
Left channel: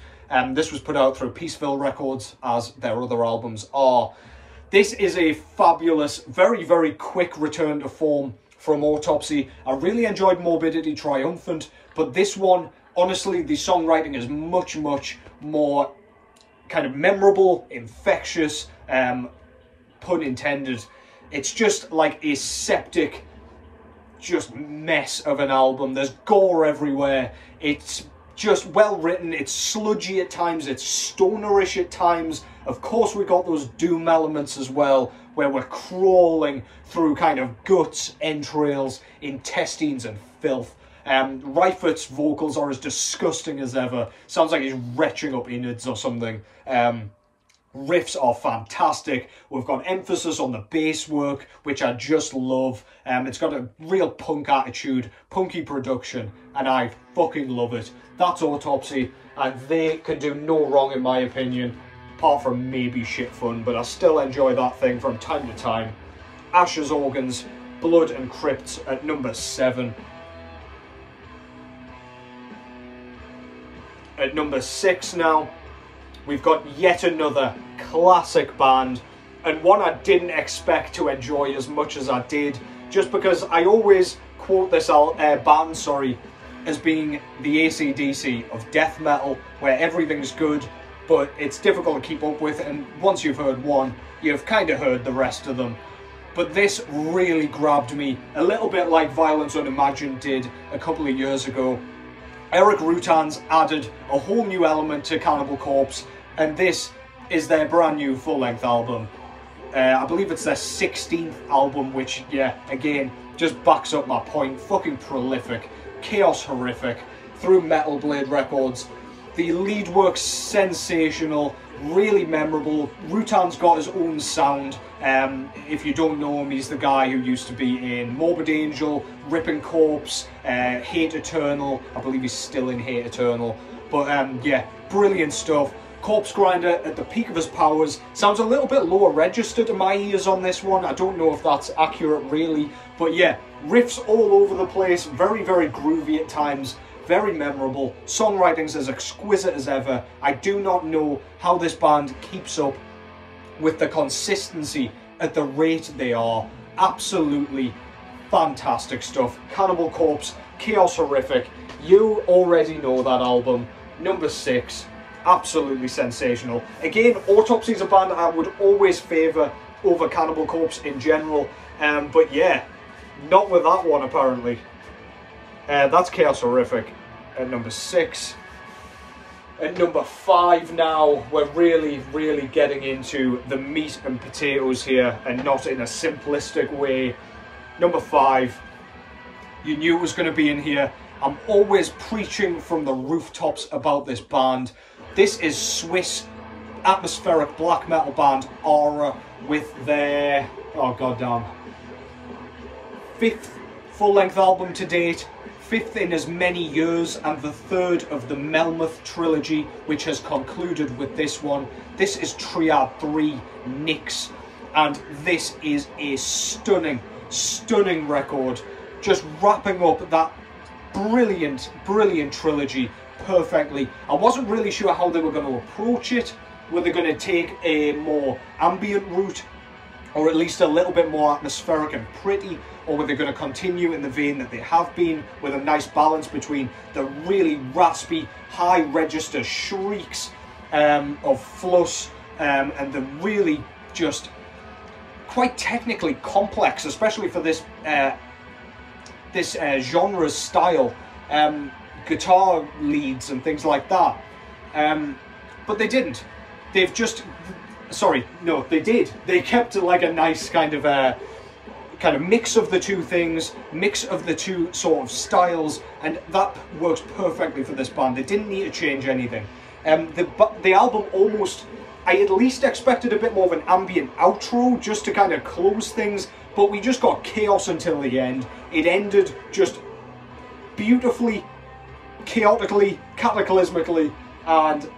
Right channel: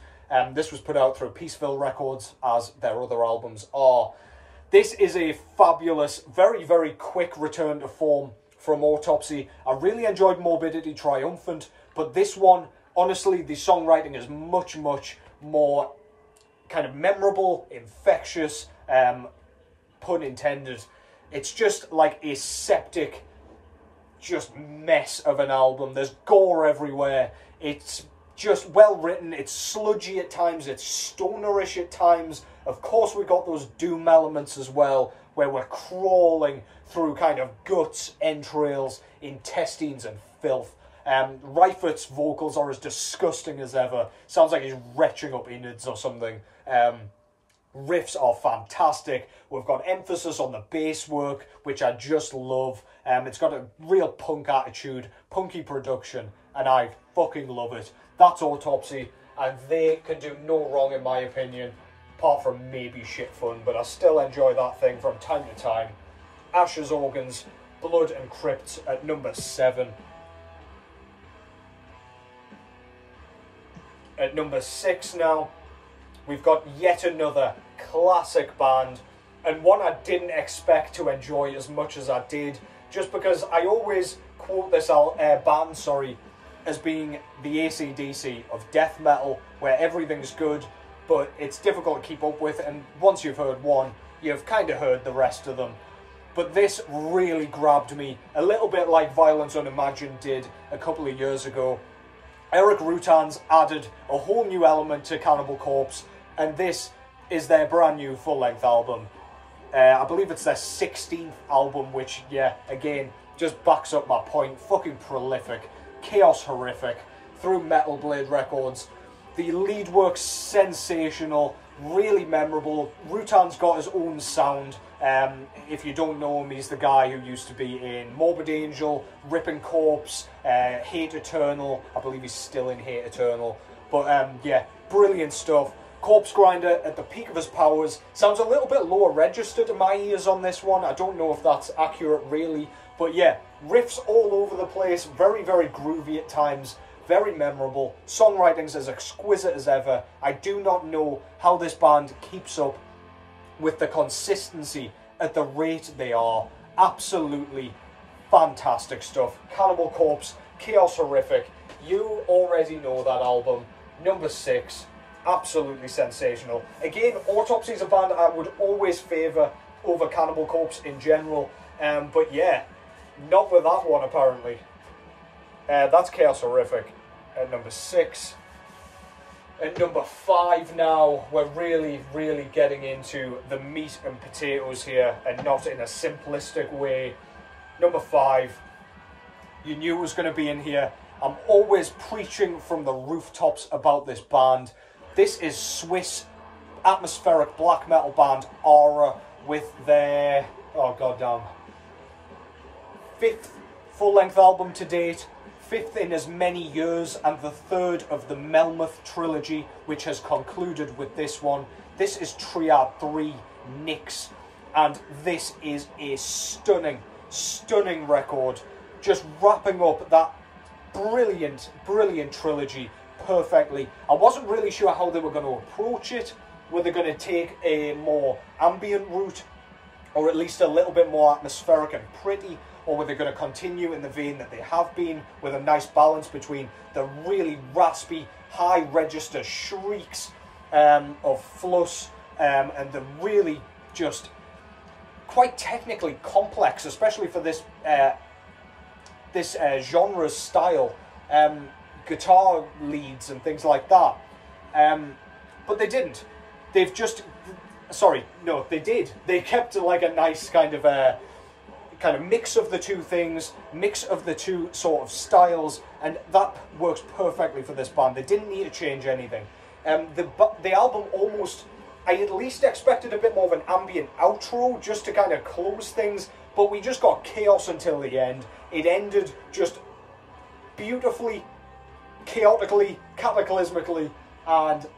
This was put out through Peaceville Records, as their other albums are. This is a fabulous, very, very quick return to form from Autopsy. I really enjoyed Morbidity Triumphant, but this one, honestly, the songwriting is much, much more kind of memorable, infectious, pun intended. It's just like a septic, just mess of an album. There's gore everywhere. It's just well written. It's sludgy at times. It's stonerish at times. Of course, we got those doom elements as well, where we're crawling through kind of guts, entrails, intestines and filth. Reifert's vocals are as disgusting as ever. Sounds like he's retching up innards or something. Riffs are fantastic. We've got emphasis on the bass work, which I just love. It's got a real punk attitude, punky production, and I fucking love it. That's Autopsy, and they can do no wrong in my opinion, apart from maybe shit fun, but I still enjoy that thing from time to time. Ashes, Organs, Blood and Crypts at number 7. At number 6 now, we've got yet another classic band, and one I didn't expect to enjoy as much as I did, just because I always quote this band, as being the AC/DC of death metal, where everything's good, but it's difficult to keep up with, and once you've heard one, you've kind of heard the rest of them. But this really grabbed me, a little bit like Violence Unimagined did a couple of years ago. Eric Rutan's added a whole new element to Cannibal Corpse, and this is their brand new full-length album. I believe it's their 16th album, which, yeah, again, just backs up my point. Fucking prolific, chaos horrific, through Metal Blade Records. The lead work's sensational, really memorable. Rutan's got his own sound. If you don't know him, he's the guy who used to be in Morbid Angel, Ripping Corpse, Hate Eternal. I believe he's still in Hate Eternal. But yeah, brilliant stuff. Corpse Grinder at the peak of his powers. Sounds a little bit lower register to my ears on this one. I don't know if that's accurate really. But yeah, riffs all over the place. Very, very groovy at times. Very memorable. Songwriting's as exquisite as ever. I do not know how this band keeps up with the consistency at the rate they are. Absolutely fantastic stuff. Cannibal Corpse, Chaos Horrific. You already know that album. Number 6. Absolutely sensational. Again, Autopsy's a band I would always favour over Cannibal Corpse in general. But yeah, not with that one apparently. That's Chaos Horrific at number 6. At number 5 now, we're really getting into the meat and potatoes here, and not in a simplistic way. Number 5, you knew it was going to be in here. I'm always preaching from the rooftops about this band. This is Swiss atmospheric black metal band Aura with their, oh goddamn, 5th full-length album to date. 5th in as many years, and the 3rd of the Melmoth trilogy, which has concluded with this one. This is Triad 3, Nyx, and this is a stunning record, just wrapping up that brilliant trilogy perfectly. I wasn't really sure how they were going to approach it. Were they going to take a more ambient route, or at least a little bit more atmospheric and pretty, or were they going to continue in the vein that they have been, with a nice balance between the really raspy, high register shrieks of Fluss and the really just quite technically complex, especially for this genre's style, guitar leads and things like that. But they didn't. They've just... Sorry, no, they did. They kept like a nice kind of mix of the two things, mix of the two sort of styles, and that works perfectly for this band. They didn't need to change anything. The album almost, I at least expected a bit more of an ambient outro just to kind of close things, but we just got chaos until the end. It ended just beautifully, chaotically, cataclysmically, and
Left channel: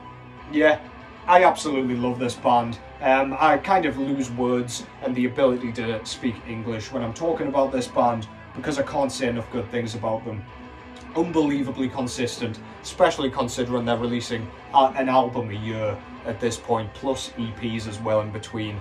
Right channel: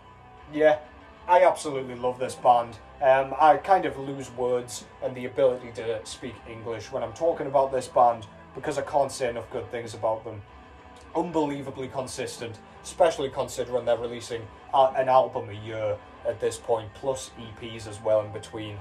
yeah, I absolutely love this band. I kind of lose words and the ability to speak English when I'm talking about this band because I can't say enough good things about them. Unbelievably consistent, especially considering they're releasing an album a year at this point, plus EPs as well in between.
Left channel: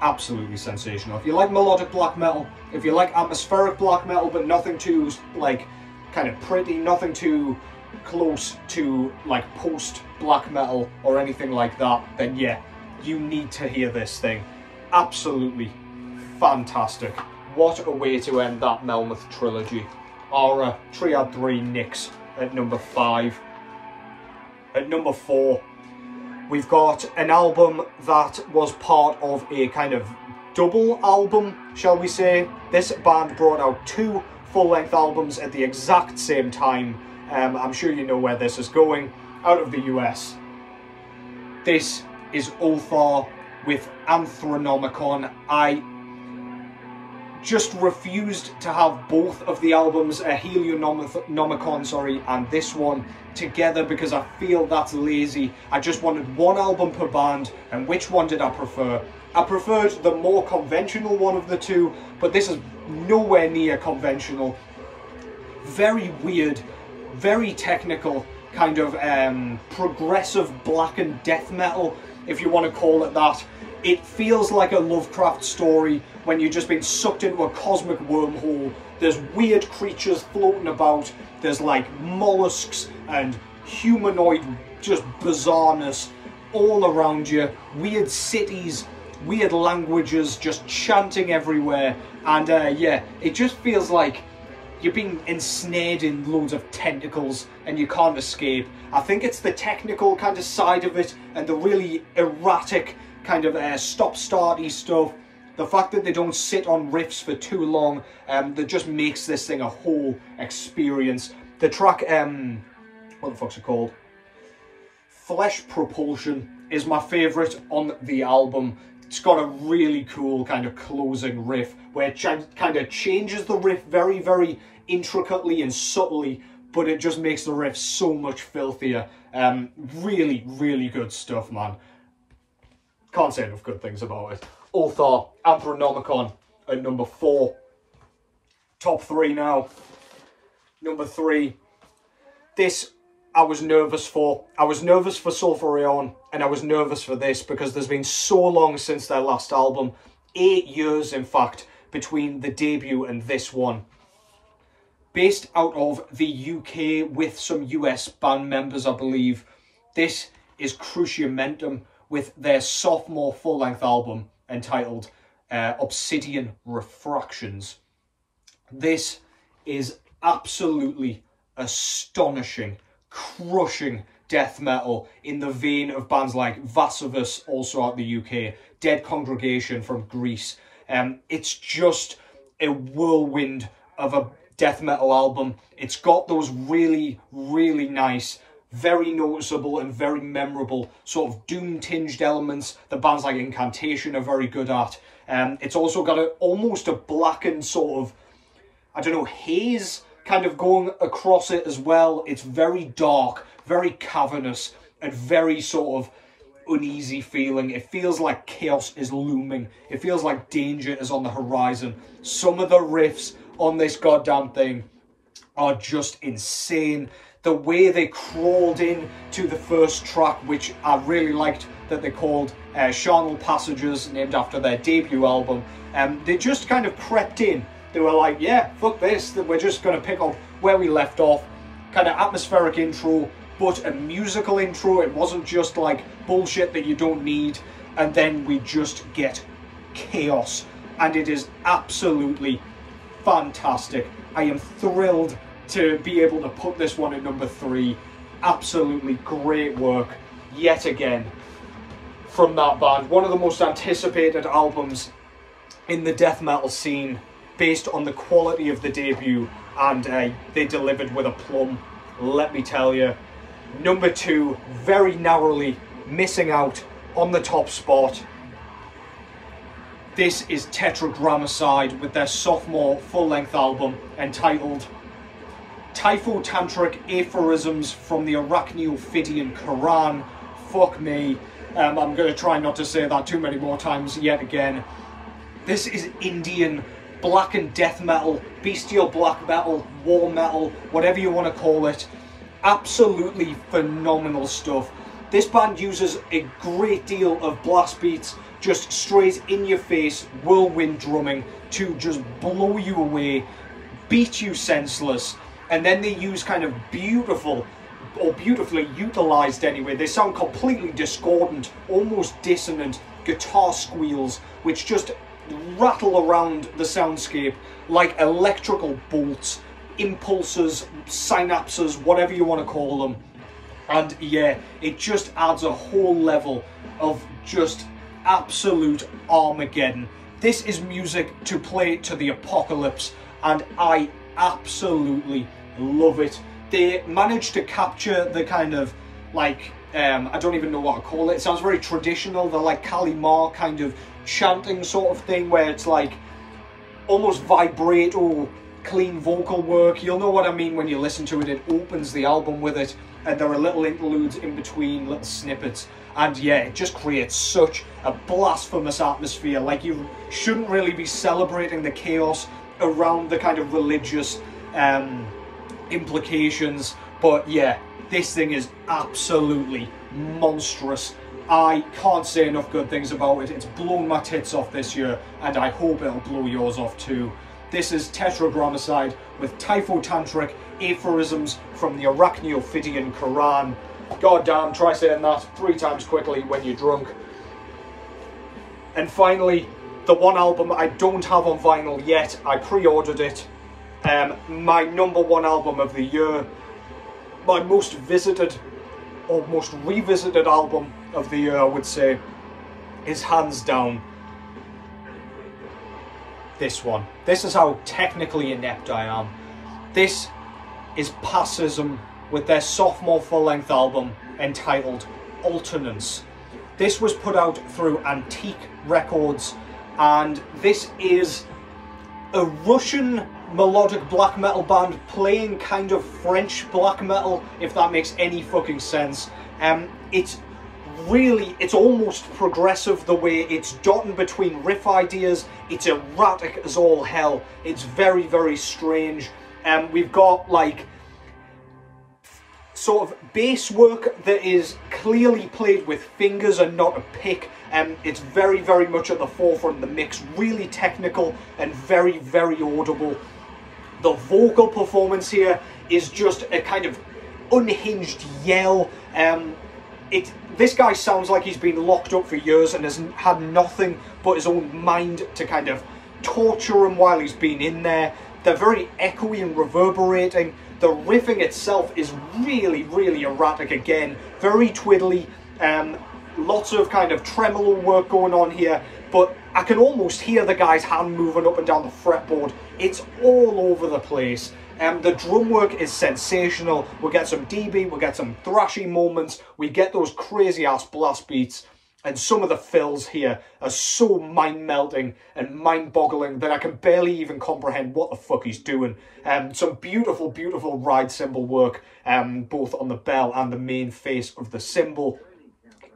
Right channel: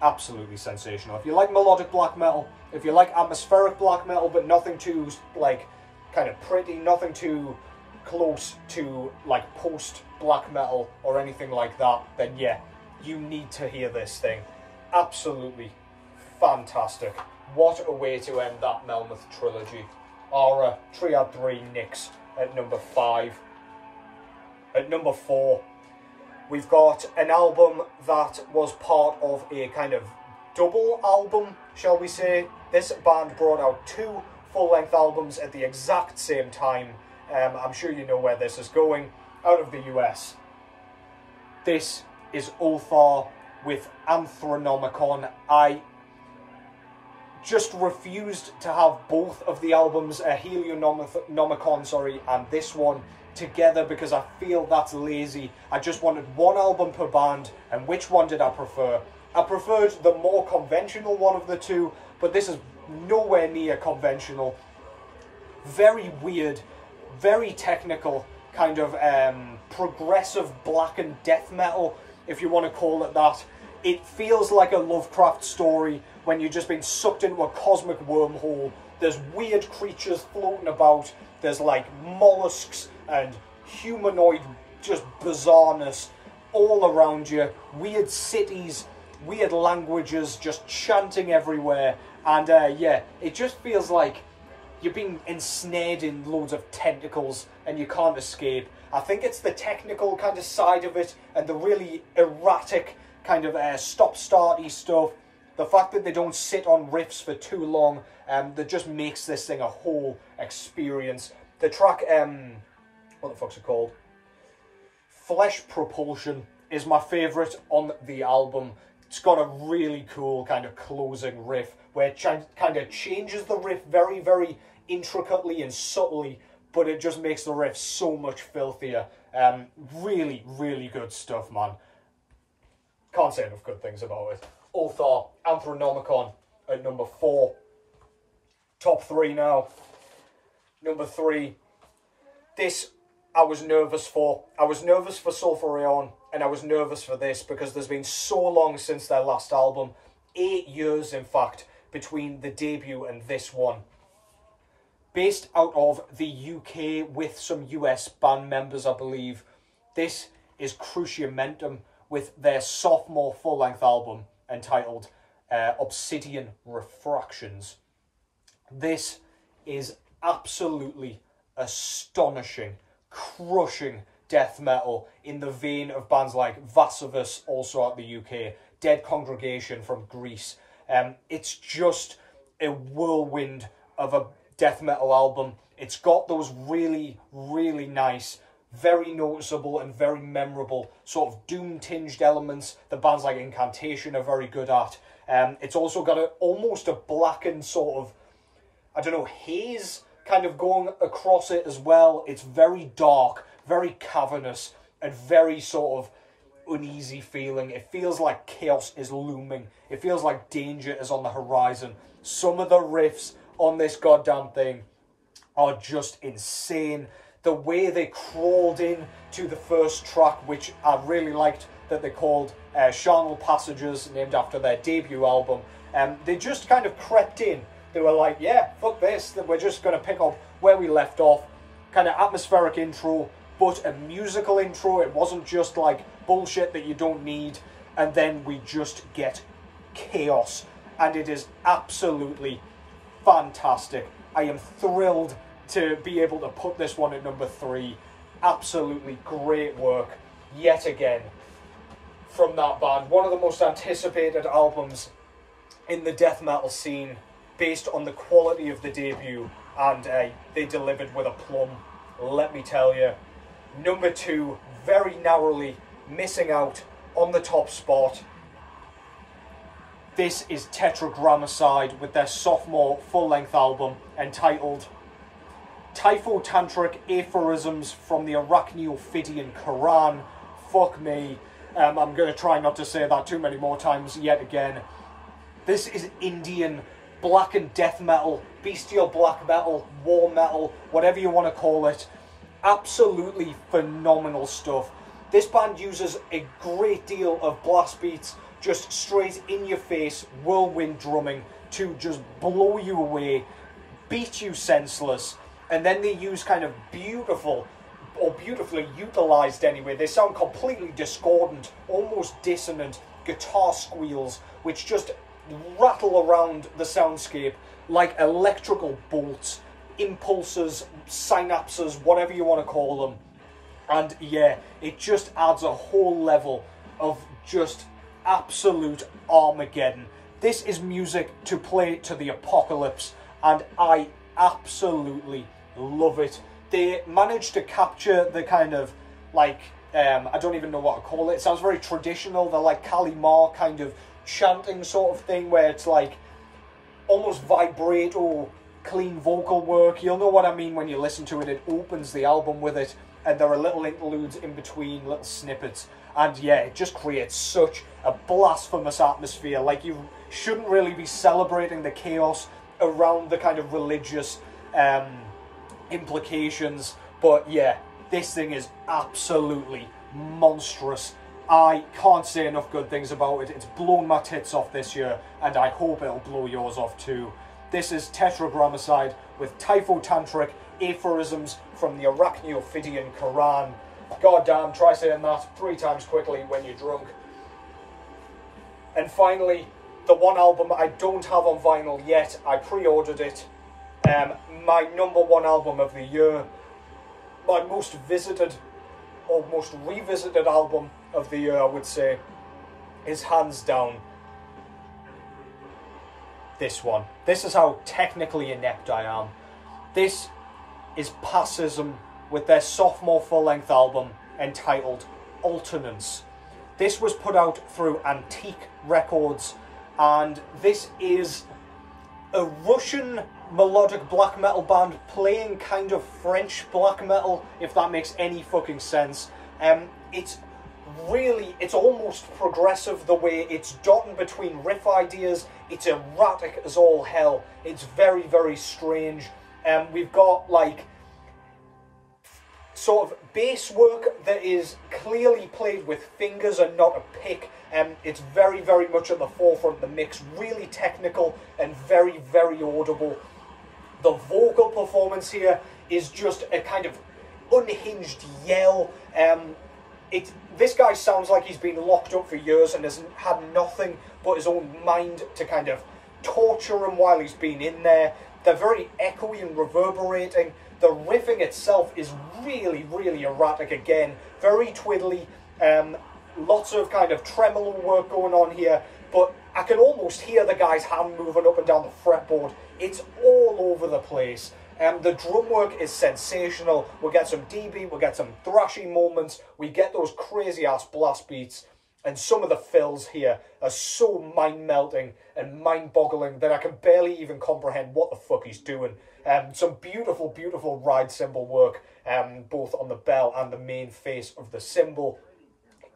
Absolutely sensational. If you like melodic black metal, if you like atmospheric black metal but nothing too like kind of pretty, nothing too close to like post black metal or anything like that, then yeah, you need to hear this thing. Absolutely fantastic. What a way to end that Melmoth trilogy. Aura, Triad 3, Nyx at number 5. At number 4, we've got an album that was part of a kind of double album, shall we say. This band brought out 2 full-length albums at the exact same time. I'm sure you know where this is going. Out of the US. This is Ulthar with Anthronomicon. I just refused to have both of the albums, Helionomicon, sorry, and this one together because I feel that's lazy. I just wanted one album per band, and which one did I prefer? I preferred the more conventional one of the two, but this is nowhere near conventional. Very weird, very technical, kind of progressive blackened death metal, if you want to call it that. It feels like a Lovecraft story when you've just been sucked into a cosmic wormhole. There's weird creatures floating about. There's like mollusks and humanoid just bizarreness all around you. Weird cities, weird languages just chanting everywhere. And yeah, it just feels like you're being ensnared in loads of tentacles and you can't escape. I think it's the technical kind of side of it and the really erratic kind of stop-starty stuff. The fact that they don't sit on riffs for too long, that just makes this thing a whole experience. The track, what the fuck's it called? Flesh Propulsion is my favourite on the album. It's got a really cool kind of closing riff where it kind of changes the riff very, very intricately and subtly, but it just makes the riff so much filthier. Really, really good stuff, man. Can't say enough good things about it. Ulthar, Anthronomicon at number 4. Top 3 now. Number 3. This I was nervous for. I was nervous for Sulphur Aeon, and I was nervous for this because there's been so long since their last album. 8 years, in fact, between the debut and this one. Based out of the UK with some US band members, I believe. This is Cruciamentum with their sophomore full-length album entitled Obsidian Refractions. This is absolutely astonishing, crushing death metal in the vein of bands like Vassivus, also out the UK, Dead Congregation from Greece. It's just a whirlwind of a death metal album. It's got those really, really nice, very noticeable and very memorable sort of doom-tinged elements that bands like Incantation are very good at. It's also got almost a blackened sort of, I don't know, haze kind of going across it as well. It's very dark, very cavernous, and very sort of uneasy feeling. It feels like chaos is looming. It feels like danger is on the horizon. Some of the riffs on this goddamn thing are just insane. The way they crawled in to the first track, which I really liked that they called Charnel Passages, named after their debut album, they just kind of crept in. They were like, yeah, fuck this, we're just going to pick up where we left off. Kind of atmospheric intro, but a musical intro. It wasn't just like bullshit that you don't need. And then we just get chaos. And it is absolutely fantastic. I am thrilled to be able to put this one at number 3. Absolutely great work, yet again, from that band. One of the most anticipated albums in the death metal scene, based on the quality of the debut, and they delivered with a plum, let me tell you. Number 2, very narrowly missing out on the top spot. This is Tetragrammacide with their sophomore full-length album entitled Typho-Tantric Aphorisms from the Arachneophidian Qu'ran. Fuck me. I'm going to try not to say that too many more times yet again. This is Indian black and death metal, bestial black metal, war metal, whatever you want to call it. Absolutely phenomenal stuff. This band uses a great deal of blast beats, just straight in your face, whirlwind drumming to just blow you away, beat you senseless. And then they use kind of beautiful, or beautifully utilized anyway, they sound completely discordant, almost dissonant guitar squeals, which just rattle around the soundscape like electrical bolts, impulses, synapses, whatever you want to call them. And yeah, it just adds a whole level of just absolute Armageddon. This is music to play to the apocalypse, and I absolutely love it. They managed to capture the kind of like, I don't even know what to call it. It sounds very traditional. The like Kalimar kind of chanting sort of thing, where it's like almost vibrato, clean vocal work. You'll know what I mean when you listen to it. It opens the album with it, and there are little interludes in between, little snippets. And yeah, it just creates such a blasphemous atmosphere. Like, you shouldn't really be celebrating the chaos around the kind of religious implications. But yeah, this thing is absolutely monstrous. I can't say enough good things about it. It's blown my tits off this year, and I hope it'll blow yours off too. This is Tetragrammacide with Typho-Tantric Aphorisms from the Arachneophidian Qu'ran. God damn, try saying that 3 times quickly when you're drunk. And finally, the one album I don't have on vinyl yet. I pre-ordered it. My number 1 album of the year. My most visited, or most revisited album of the year, I would say, is hands down this one. This is how technically inept I am. This is Passéisme with their sophomore full-length album entitled Alternance. This was put out through Antique Records, and this is a Russian melodic black metal band playing kind of French black metal, if that makes any fucking sense. It's almost progressive the way it's dotted between riff ideas. It's erratic as all hell. It's very, very strange. We've got like sort of bass work that is clearly played with fingers and not a pick. It's very, very much at the forefront of the mix, really technical and very, very audible. The vocal performance here is just a kind of unhinged yell. This guy sounds like he's been locked up for years and has had nothing but his own mind to kind of torture him while he's been in there. They're very echoey and reverberating. The riffing itself is really, really erratic again. Very twiddly. Lots of kind of tremolo work going on here. But I can almost hear the guy's hand moving up and down the fretboard. It's all over the place. The drum work is sensational. We get some DB, we get some thrashy moments, we get those crazy ass blast beats, and some of the fills here are so mind-melting and mind-boggling that I can barely even comprehend what the fuck he's doing. Some beautiful, beautiful ride cymbal work, both on the bell and the main face of the cymbal.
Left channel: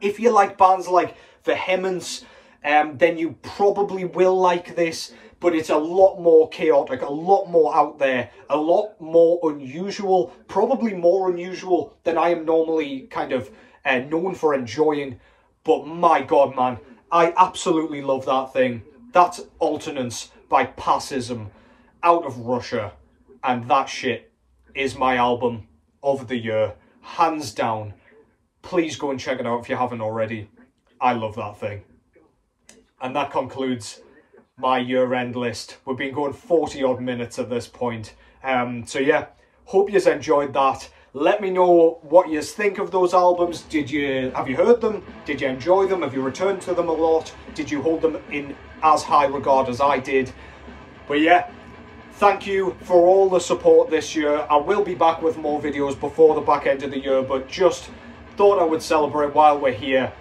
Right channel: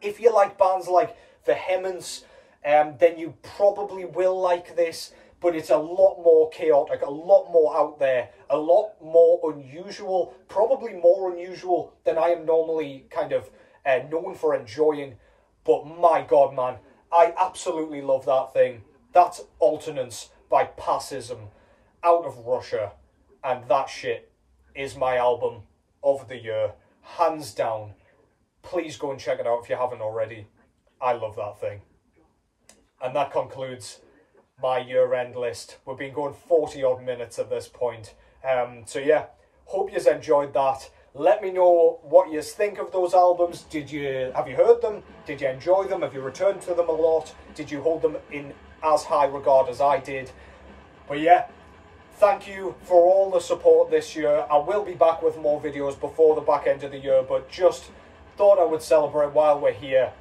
If you like bands like Vehemence, then you probably will like this. But it's a lot more chaotic, a lot more out there, a lot more unusual, probably more unusual than I am normally kind of known for enjoying. But my God, man, I absolutely love that thing. That's Alternance by Passéisme, out of Russia. And that shit is my album of the year, hands down. Please go and check it out if you haven't already. I love that thing. And that concludes my year-end list. We've been going 40 odd minutes at this point. So yeah, hope you've enjoyed that. Let me know what you think of those albums. Have you heard them? Did you enjoy them? Have you returned to them a lot? Did you hold them in as high regard as I did? But yeah, thank you for all the support this year. I will be back with more videos before the back end of the year, but just thought I would celebrate while we're here.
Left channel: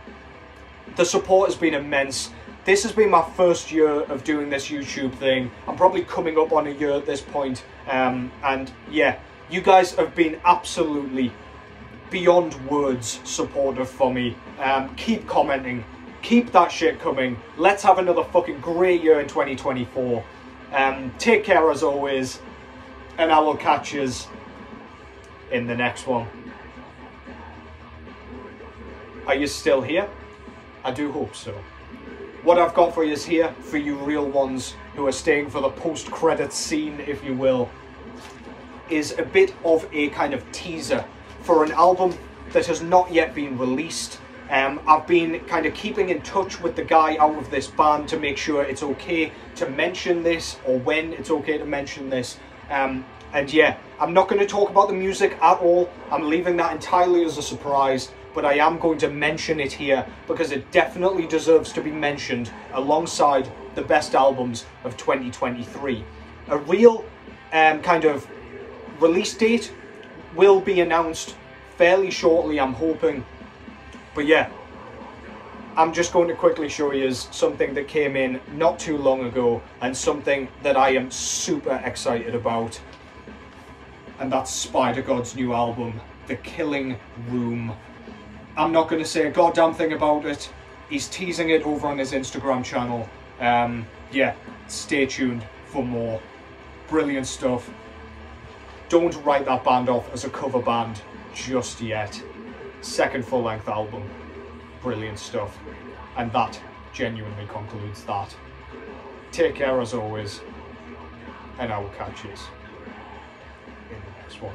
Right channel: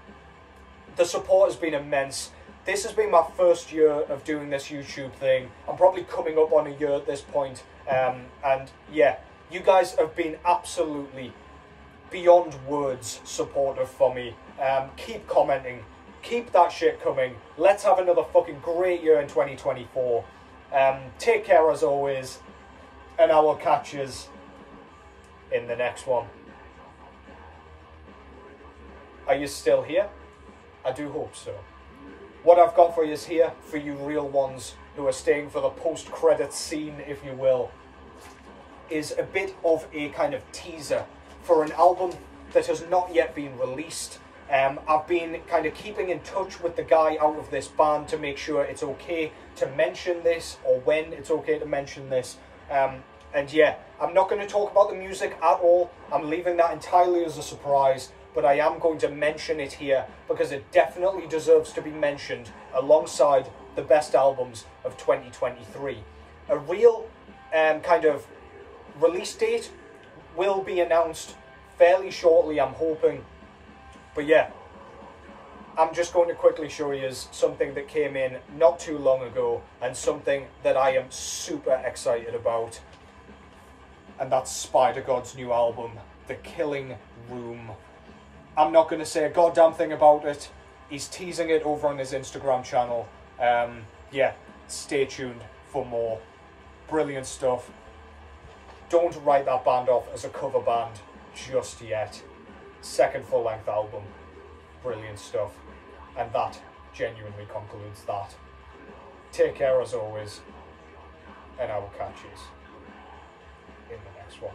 The support has been immense. This has been my first year of doing this YouTube thing. I'm probably coming up on a year at this point. And yeah, you guys have been absolutely beyond words supportive for me. Keep commenting. Keep that shit coming. Let's have another fucking great year in 2024. Take care as always. And I will catch yous in the next one. Are you still here? I do hope so. What I've got for you is here, for you real ones who are staying for the post-credits scene, if you will, is a bit of a kind of teaser for an album that has not yet been released. I've been kind of keeping in touch with the guy out of this band to make sure it's okay to mention this, or when it's okay to mention this. And yeah, I'm not going to talk about the music at all. I'm leaving that entirely as a surprise. But I am going to mention it here because it definitely deserves to be mentioned alongside the best albums of 2023. A real kind of release date will be announced fairly shortly, I'm hoping. But yeah, I'm just going to quickly show you something that came in not too long ago and something that I am super excited about. And that's Spider God's new album, The Killing Room. I'm not going to say a goddamn thing about it. He's teasing it over on his Instagram channel. Yeah, stay tuned for more. Brilliant stuff. Don't write that band off as a cover band just yet. Second full-length album. Brilliant stuff. And that genuinely concludes that. Take care as always. And I will catch you in the next one.